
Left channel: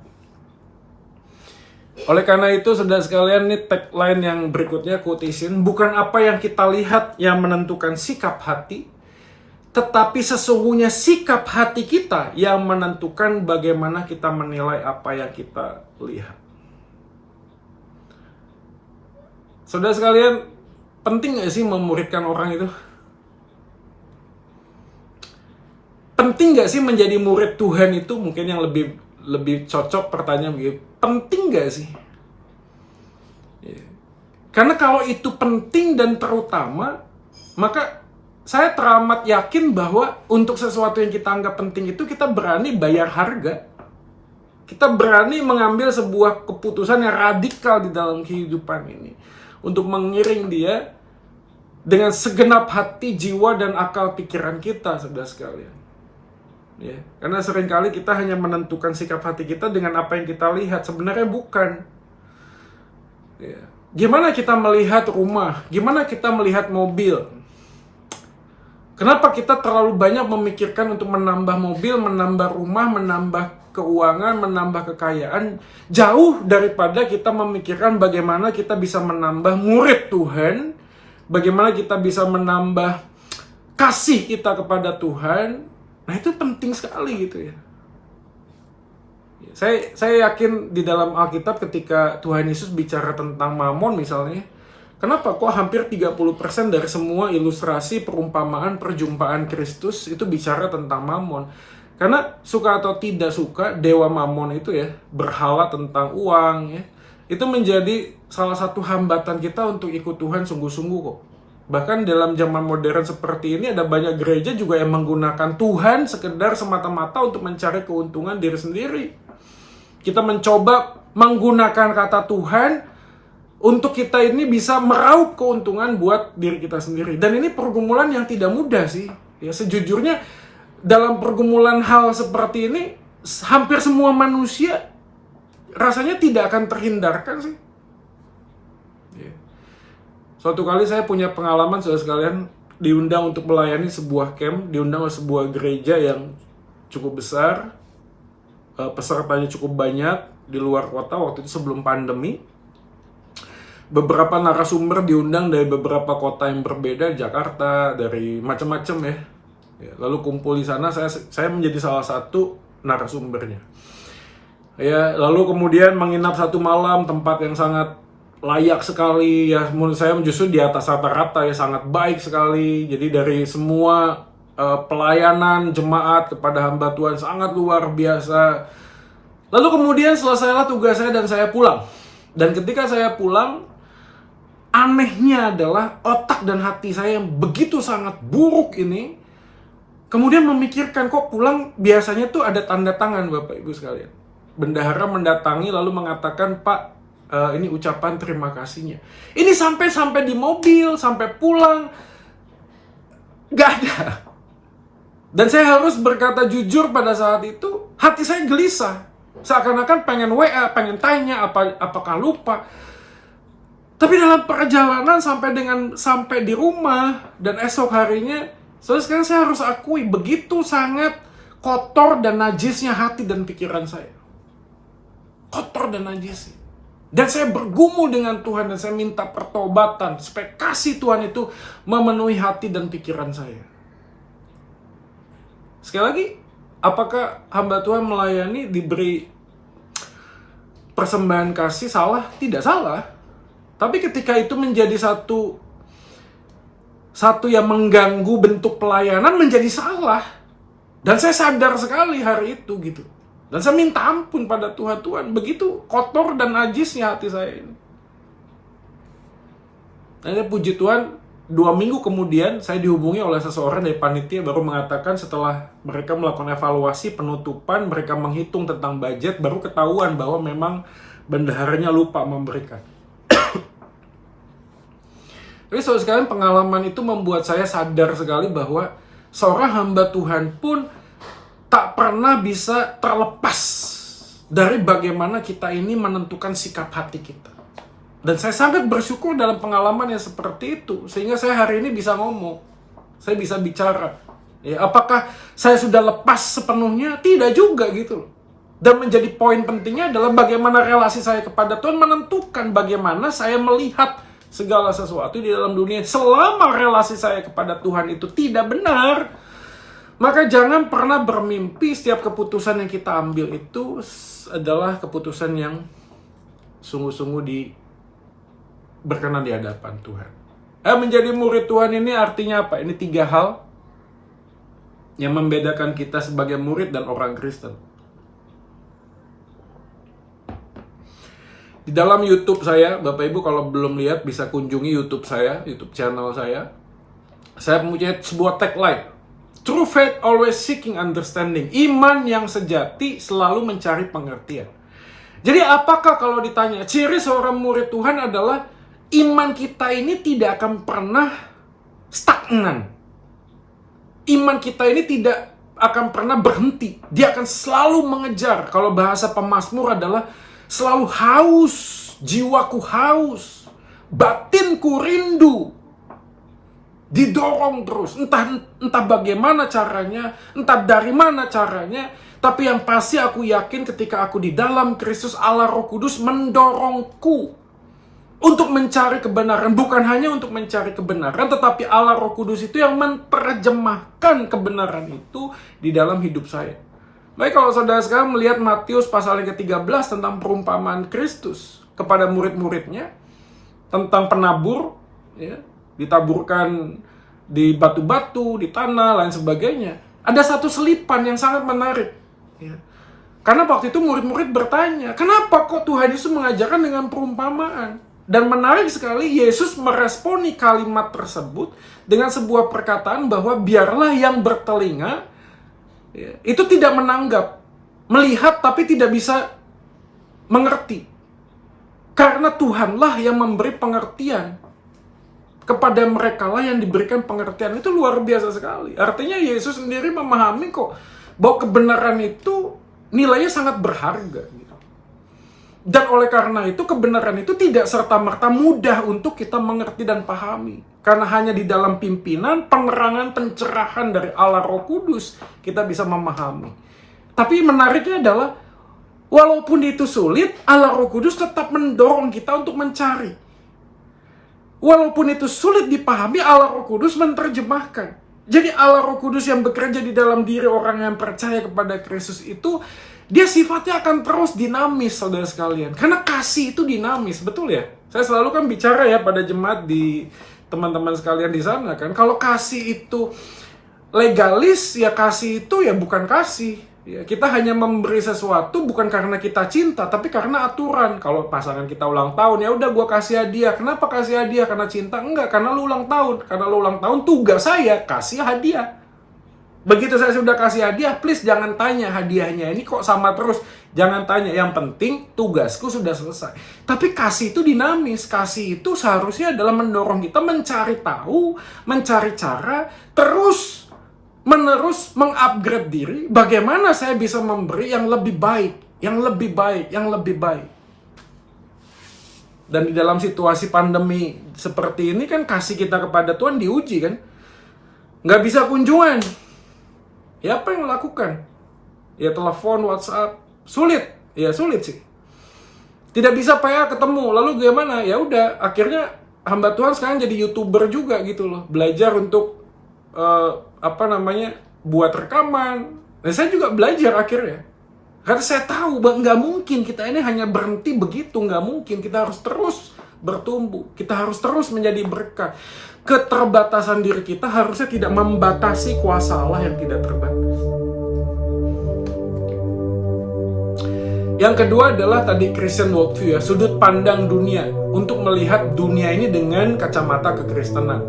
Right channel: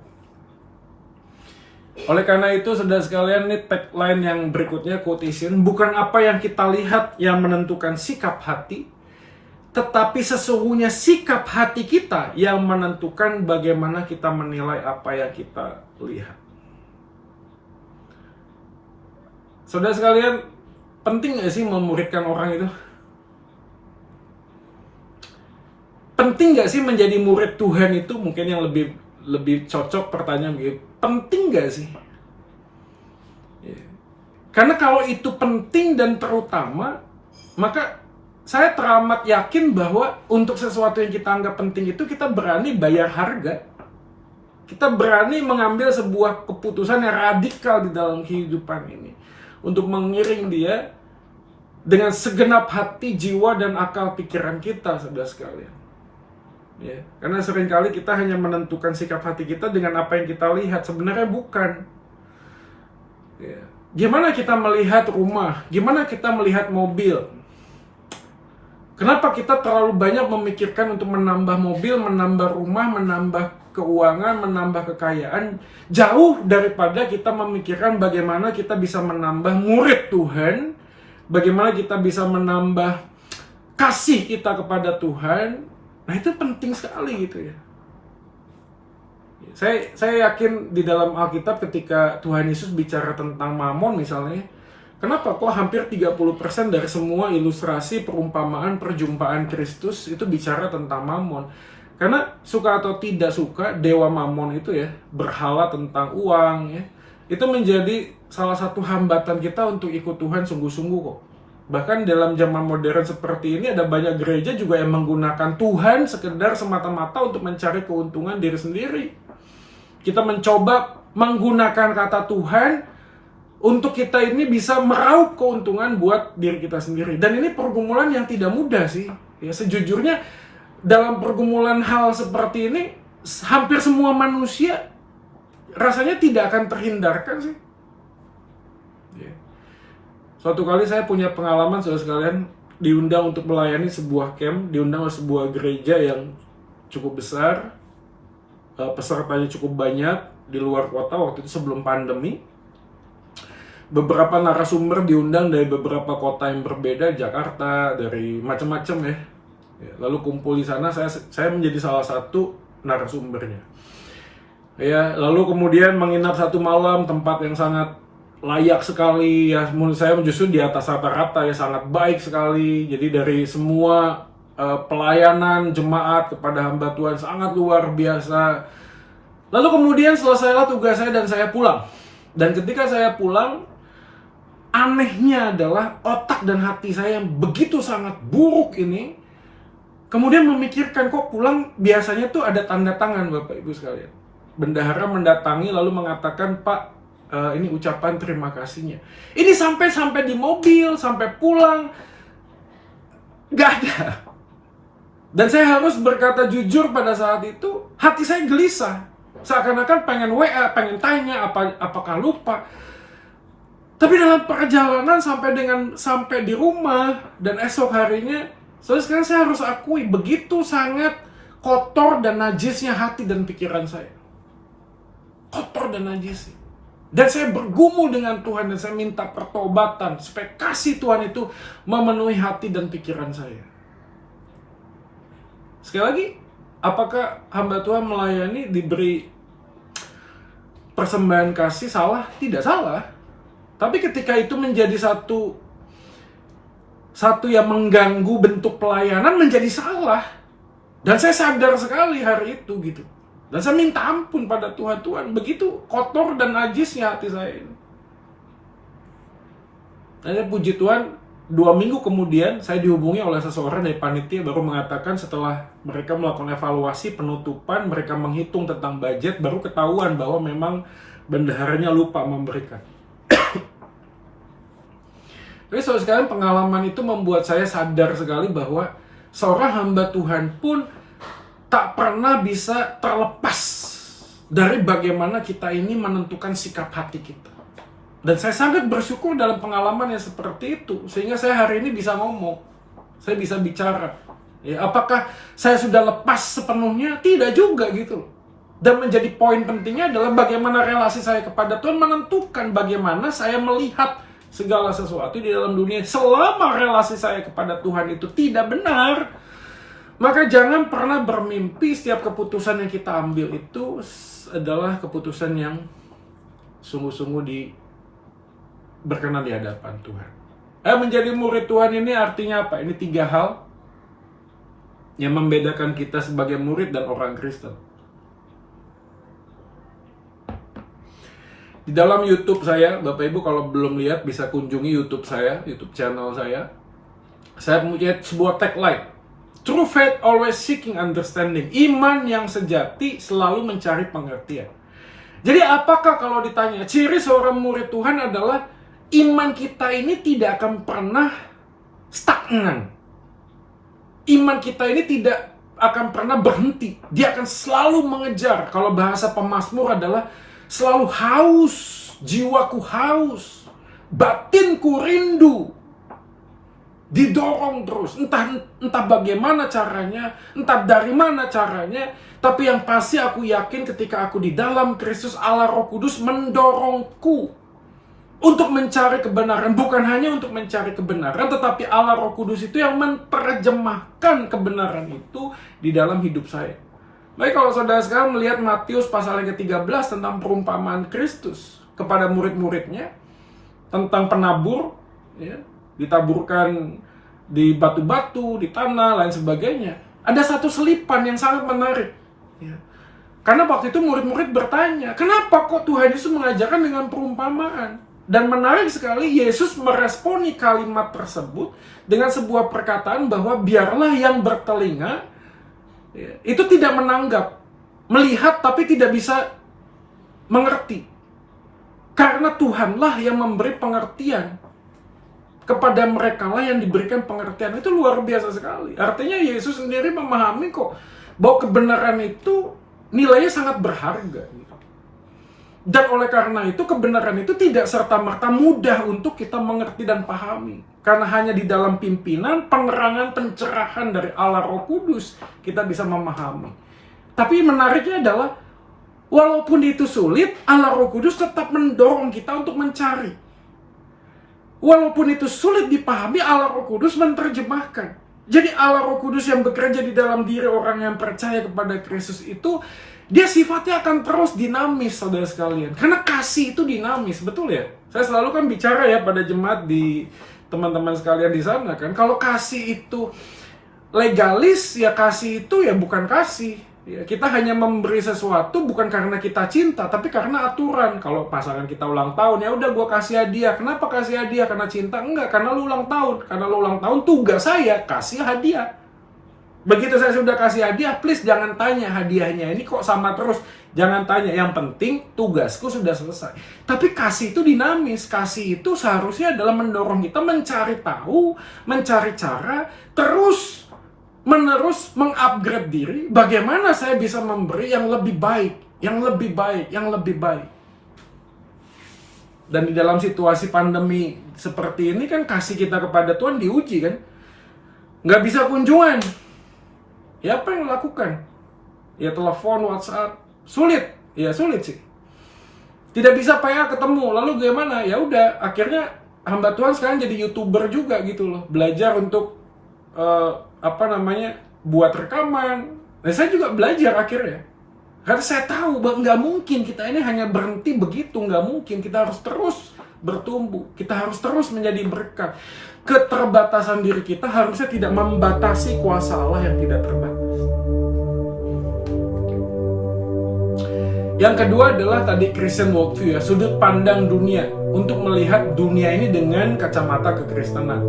Oleh karena itu, saudara sekalian, ini tagline yang berikutnya, quotation, bukan apa yang kita lihat yang menentukan sikap hati, tetapi sesungguhnya sikap hati kita yang menentukan bagaimana kita menilai apa yang kita lihat. Saudara sekalian, penting gak sih memuridkan orang itu? Penting gak sih menjadi murid Tuhan itu? Mungkin yang lebih cocok pertanyaan begitu. Penting gak sih? Karena kalau itu penting dan terutama, maka saya teramat yakin bahwa untuk sesuatu yang kita anggap penting itu kita berani bayar harga. Kita berani mengambil sebuah keputusan yang radikal di dalam kehidupan ini untuk mengiring dia dengan segenap hati, jiwa, dan akal pikiran kita, saudara sekalian. Ya, karena seringkali kita hanya menentukan sikap hati kita dengan apa yang kita lihat. Sebenarnya bukan. Ya. Gimana kita melihat rumah? Gimana kita melihat mobil? Kenapa kita terlalu banyak memikirkan untuk menambah mobil, menambah rumah, menambah keuangan, menambah kekayaan, jauh daripada kita memikirkan bagaimana kita bisa menambah murid Tuhan, bagaimana kita bisa menambah kasih kita kepada Tuhan. Nah itu penting sekali gitu ya. Saya yakin di dalam Alkitab ketika Tuhan Yesus bicara tentang mamon misalnya, kenapa kok hampir 30% dari semua ilustrasi, perumpamaan, perjumpaan Kristus itu bicara tentang mamon? Karena suka atau tidak suka, dewa mamon itu ya, berhala tentang uang ya, itu menjadi salah satu hambatan kita untuk ikut Tuhan sungguh-sungguh kok. Bahkan dalam zaman modern seperti ini ada banyak gereja juga yang menggunakan Tuhan sekedar semata-mata untuk mencari keuntungan diri sendiri. Kita mencoba menggunakan kata Tuhan untuk kita ini bisa meraup keuntungan buat diri kita sendiri. Dan ini pergumulan yang tidak mudah sih. Ya, sejujurnya dalam pergumulan hal seperti ini, hampir semua manusia rasanya tidak akan terhindarkan sih. Suatu kali saya punya pengalaman, saudara sekalian, diundang untuk melayani sebuah camp, diundang oleh sebuah gereja yang cukup besar, pesertanya cukup banyak, di luar kota waktu itu sebelum pandemi. Beberapa narasumber diundang dari beberapa kota yang berbeda, Jakarta, dari macam-macam ya. Lalu kumpul di sana, saya menjadi salah satu narasumbernya. Ya, lalu kemudian menginap satu malam, tempat yang sangat layak sekali ya, menurut saya justru di atas rata-rata ya, sangat baik sekali. Jadi dari semua pelayanan jemaat kepada hamba Tuhan sangat luar biasa. Lalu kemudian selesailah tugas saya dan saya pulang. Dan ketika saya pulang, anehnya adalah otak dan hati saya yang begitu sangat buruk ini kemudian memikirkan, kok pulang biasanya tuh ada tanda tangan Bapak Ibu sekalian. Bendahara mendatangi lalu mengatakan, Pak, ini ucapan terima kasihnya. Ini sampai di mobil, sampai pulang, gak ada. Dan saya harus berkata jujur pada saat itu, hati saya gelisah. Seakan-akan pengen WA, pengen tanya apakah lupa. Tapi dalam perjalanan sampai di rumah dan esok harinya, sekarang saya harus akui begitu sangat kotor dan najisnya hati dan pikiran saya. Kotor dan najis. Dan saya bergumul dengan Tuhan dan saya minta pertobatan supaya kasih Tuhan itu memenuhi hati dan pikiran saya. Sekali lagi, apakah hamba Tuhan melayani diberi persembahan kasih salah? Tidak salah. Tapi ketika itu menjadi satu yang mengganggu bentuk pelayanan, menjadi salah. Dan saya sadar sekali hari itu gitu. Dan saya minta ampun pada Tuhan, begitu kotor dan najisnya hati saya ini. Dan puji Tuhan, 2 minggu kemudian saya dihubungi oleh seseorang dari panitia, baru mengatakan setelah mereka melakukan evaluasi penutupan, mereka menghitung tentang budget, baru ketahuan bahwa memang bendaharanya lupa memberikan. Jadi sekarang pengalaman itu membuat saya sadar sekali bahwa seorang hamba Tuhan pun tak pernah bisa terlepas dari bagaimana kita ini menentukan sikap hati kita. Dan saya sangat bersyukur dalam pengalaman yang seperti itu, sehingga saya hari ini bisa ngomong, saya bisa bicara. Ya, apakah saya sudah lepas sepenuhnya? Tidak juga gitu. Dan menjadi poin pentingnya adalah bagaimana relasi saya kepada Tuhan menentukan bagaimana saya melihat segala sesuatu di dalam dunia. Selama relasi saya kepada Tuhan itu tidak benar, maka jangan pernah bermimpi setiap keputusan yang kita ambil itu adalah keputusan yang sungguh-sungguh berkenan di hadapan Tuhan. Menjadi murid Tuhan ini artinya apa? Ini 3 hal yang membedakan kita sebagai murid dan orang Kristen. Di dalam YouTube saya, Bapak Ibu kalau belum lihat bisa kunjungi YouTube saya, YouTube channel saya. Saya mempunyai sebuah tagline. True faith always seeking understanding. Iman yang sejati selalu mencari pengertian. Jadi apakah kalau ditanya, ciri seorang murid Tuhan adalah iman kita ini tidak akan pernah stagnan. Iman kita ini tidak akan pernah berhenti. Dia akan selalu mengejar. Kalau bahasa pemazmur adalah selalu haus, jiwaku haus, batinku rindu. Didorong terus, entah bagaimana caranya, entah dari mana caranya, tapi yang pasti aku yakin ketika aku di dalam Kristus, Allah Roh Kudus mendorongku untuk mencari kebenaran. Bukan hanya untuk mencari kebenaran, tetapi Allah Roh Kudus itu yang menerjemahkan kebenaran itu di dalam hidup saya. Baik, kalau saudara sekarang melihat Matius pasal yang ke-13 tentang perumpamaan Kristus kepada murid-muridnya, tentang penabur, ya, ditaburkan di batu-batu, di tanah, lain sebagainya. Ada satu selipan yang sangat menarik. Ya. Karena waktu itu murid-murid bertanya, kenapa kok Tuhan Yesus mengajarkan dengan perumpamaan? Dan menarik sekali, Yesus meresponi kalimat tersebut dengan sebuah perkataan bahwa biarlah yang bertelinga, ya, itu tidak menanggap, melihat tapi tidak bisa mengerti. Karena Tuhanlah yang memberi pengertian. Kepada mereka lah yang diberikan pengertian. Itu luar biasa sekali. Artinya Yesus sendiri memahami kok bahwa kebenaran itu nilainya sangat berharga. Dan oleh karena itu, kebenaran itu tidak serta-merta mudah untuk kita mengerti dan pahami. Karena hanya di dalam pimpinan, penerangan, pencerahan dari Allah Roh Kudus, kita bisa memahami. Tapi menariknya adalah, walaupun itu sulit, Allah Roh Kudus tetap mendorong kita untuk mencari. Walaupun itu sulit dipahami, Allah Roh Kudus menerjemahkan. Jadi Allah Roh Kudus yang bekerja di dalam diri orang yang percaya kepada Kristus itu, dia sifatnya akan terus dinamis, saudara sekalian. Karena kasih itu dinamis, betul ya? Saya selalu kan bicara ya pada jemaat di teman-teman sekalian di sana kan. Kalau kasih itu legalis, ya kasih itu ya bukan kasih. Ya, kita hanya memberi sesuatu bukan karena kita cinta, tapi karena aturan. Kalau pasangan kita ulang tahun, ya udah gue kasih hadiah. Kenapa kasih hadiah? Karena cinta? Enggak, karena lu ulang tahun. Karena lu ulang tahun, tugas saya kasih hadiah. Begitu saya sudah kasih hadiah, please jangan tanya hadiahnya ini kok sama terus. Jangan tanya, yang penting tugasku sudah selesai. Tapi kasih itu dinamis. Kasih itu seharusnya adalah mendorong kita mencari tahu, mencari cara, terus menerus mengupgrade diri. Bagaimana saya bisa memberi yang lebih baik, yang lebih baik, yang lebih baik. Dan di dalam situasi pandemi seperti ini kan kasih kita kepada Tuhan diuji kan. Nggak bisa kunjungan. Ya apa yang lakukan? Ya telepon, WhatsApp. Sulit. Ya sulit sih. Tidak bisa PA ketemu. Lalu gimana? Ya udah, akhirnya hamba Tuhan sekarang jadi YouTuber juga gitu loh. Belajar untuk buat rekaman. Nah, saya juga belajar akhirnya. Karena saya tahu bahwa nggak mungkin kita ini hanya berhenti begitu. Nggak mungkin. Kita harus terus bertumbuh. Kita harus terus menjadi berkat. Keterbatasan diri kita harusnya tidak membatasi kuasa Allah yang tidak terbatas. Yang kedua adalah tadi Christian worldview ya, sudut pandang dunia. Untuk melihat dunia ini dengan kacamata kekristenan.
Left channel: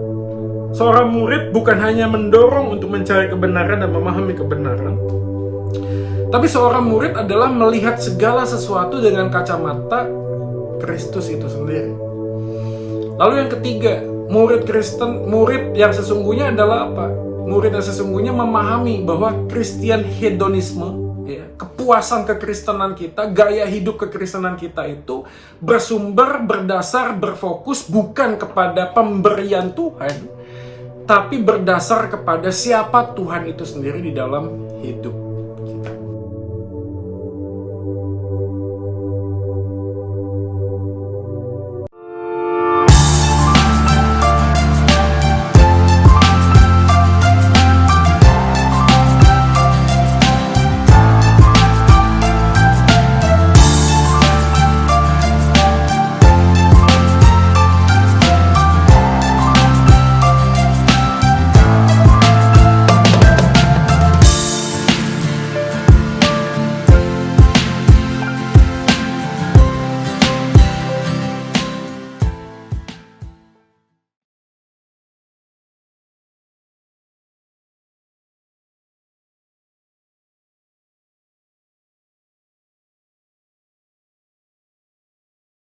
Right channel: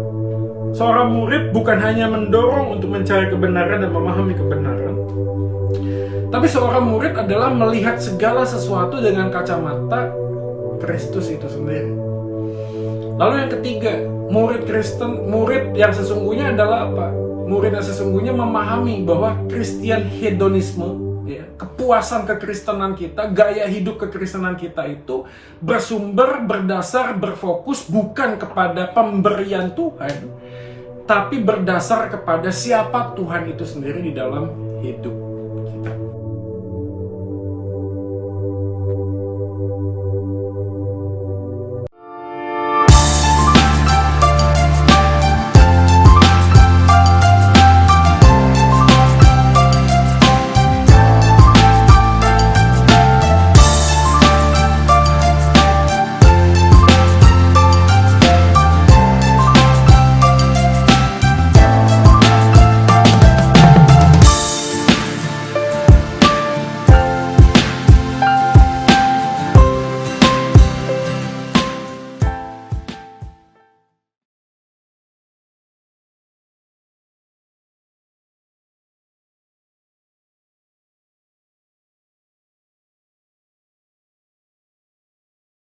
Seorang murid bukan hanya mendorong untuk mencari kebenaran dan memahami kebenaran, tapi seorang murid adalah melihat segala sesuatu dengan kacamata Kristus itu sendiri. Lalu yang ketiga, murid Kristen, murid yang sesungguhnya adalah apa? Murid yang sesungguhnya memahami bahwa Christian hedonisme, ya, kepuasan kekristenan kita, gaya hidup kekristenan kita itu bersumber, berdasar, berfokus bukan kepada pemberian Tuhan, tapi berdasar kepada siapa Tuhan itu sendiri di dalam hidup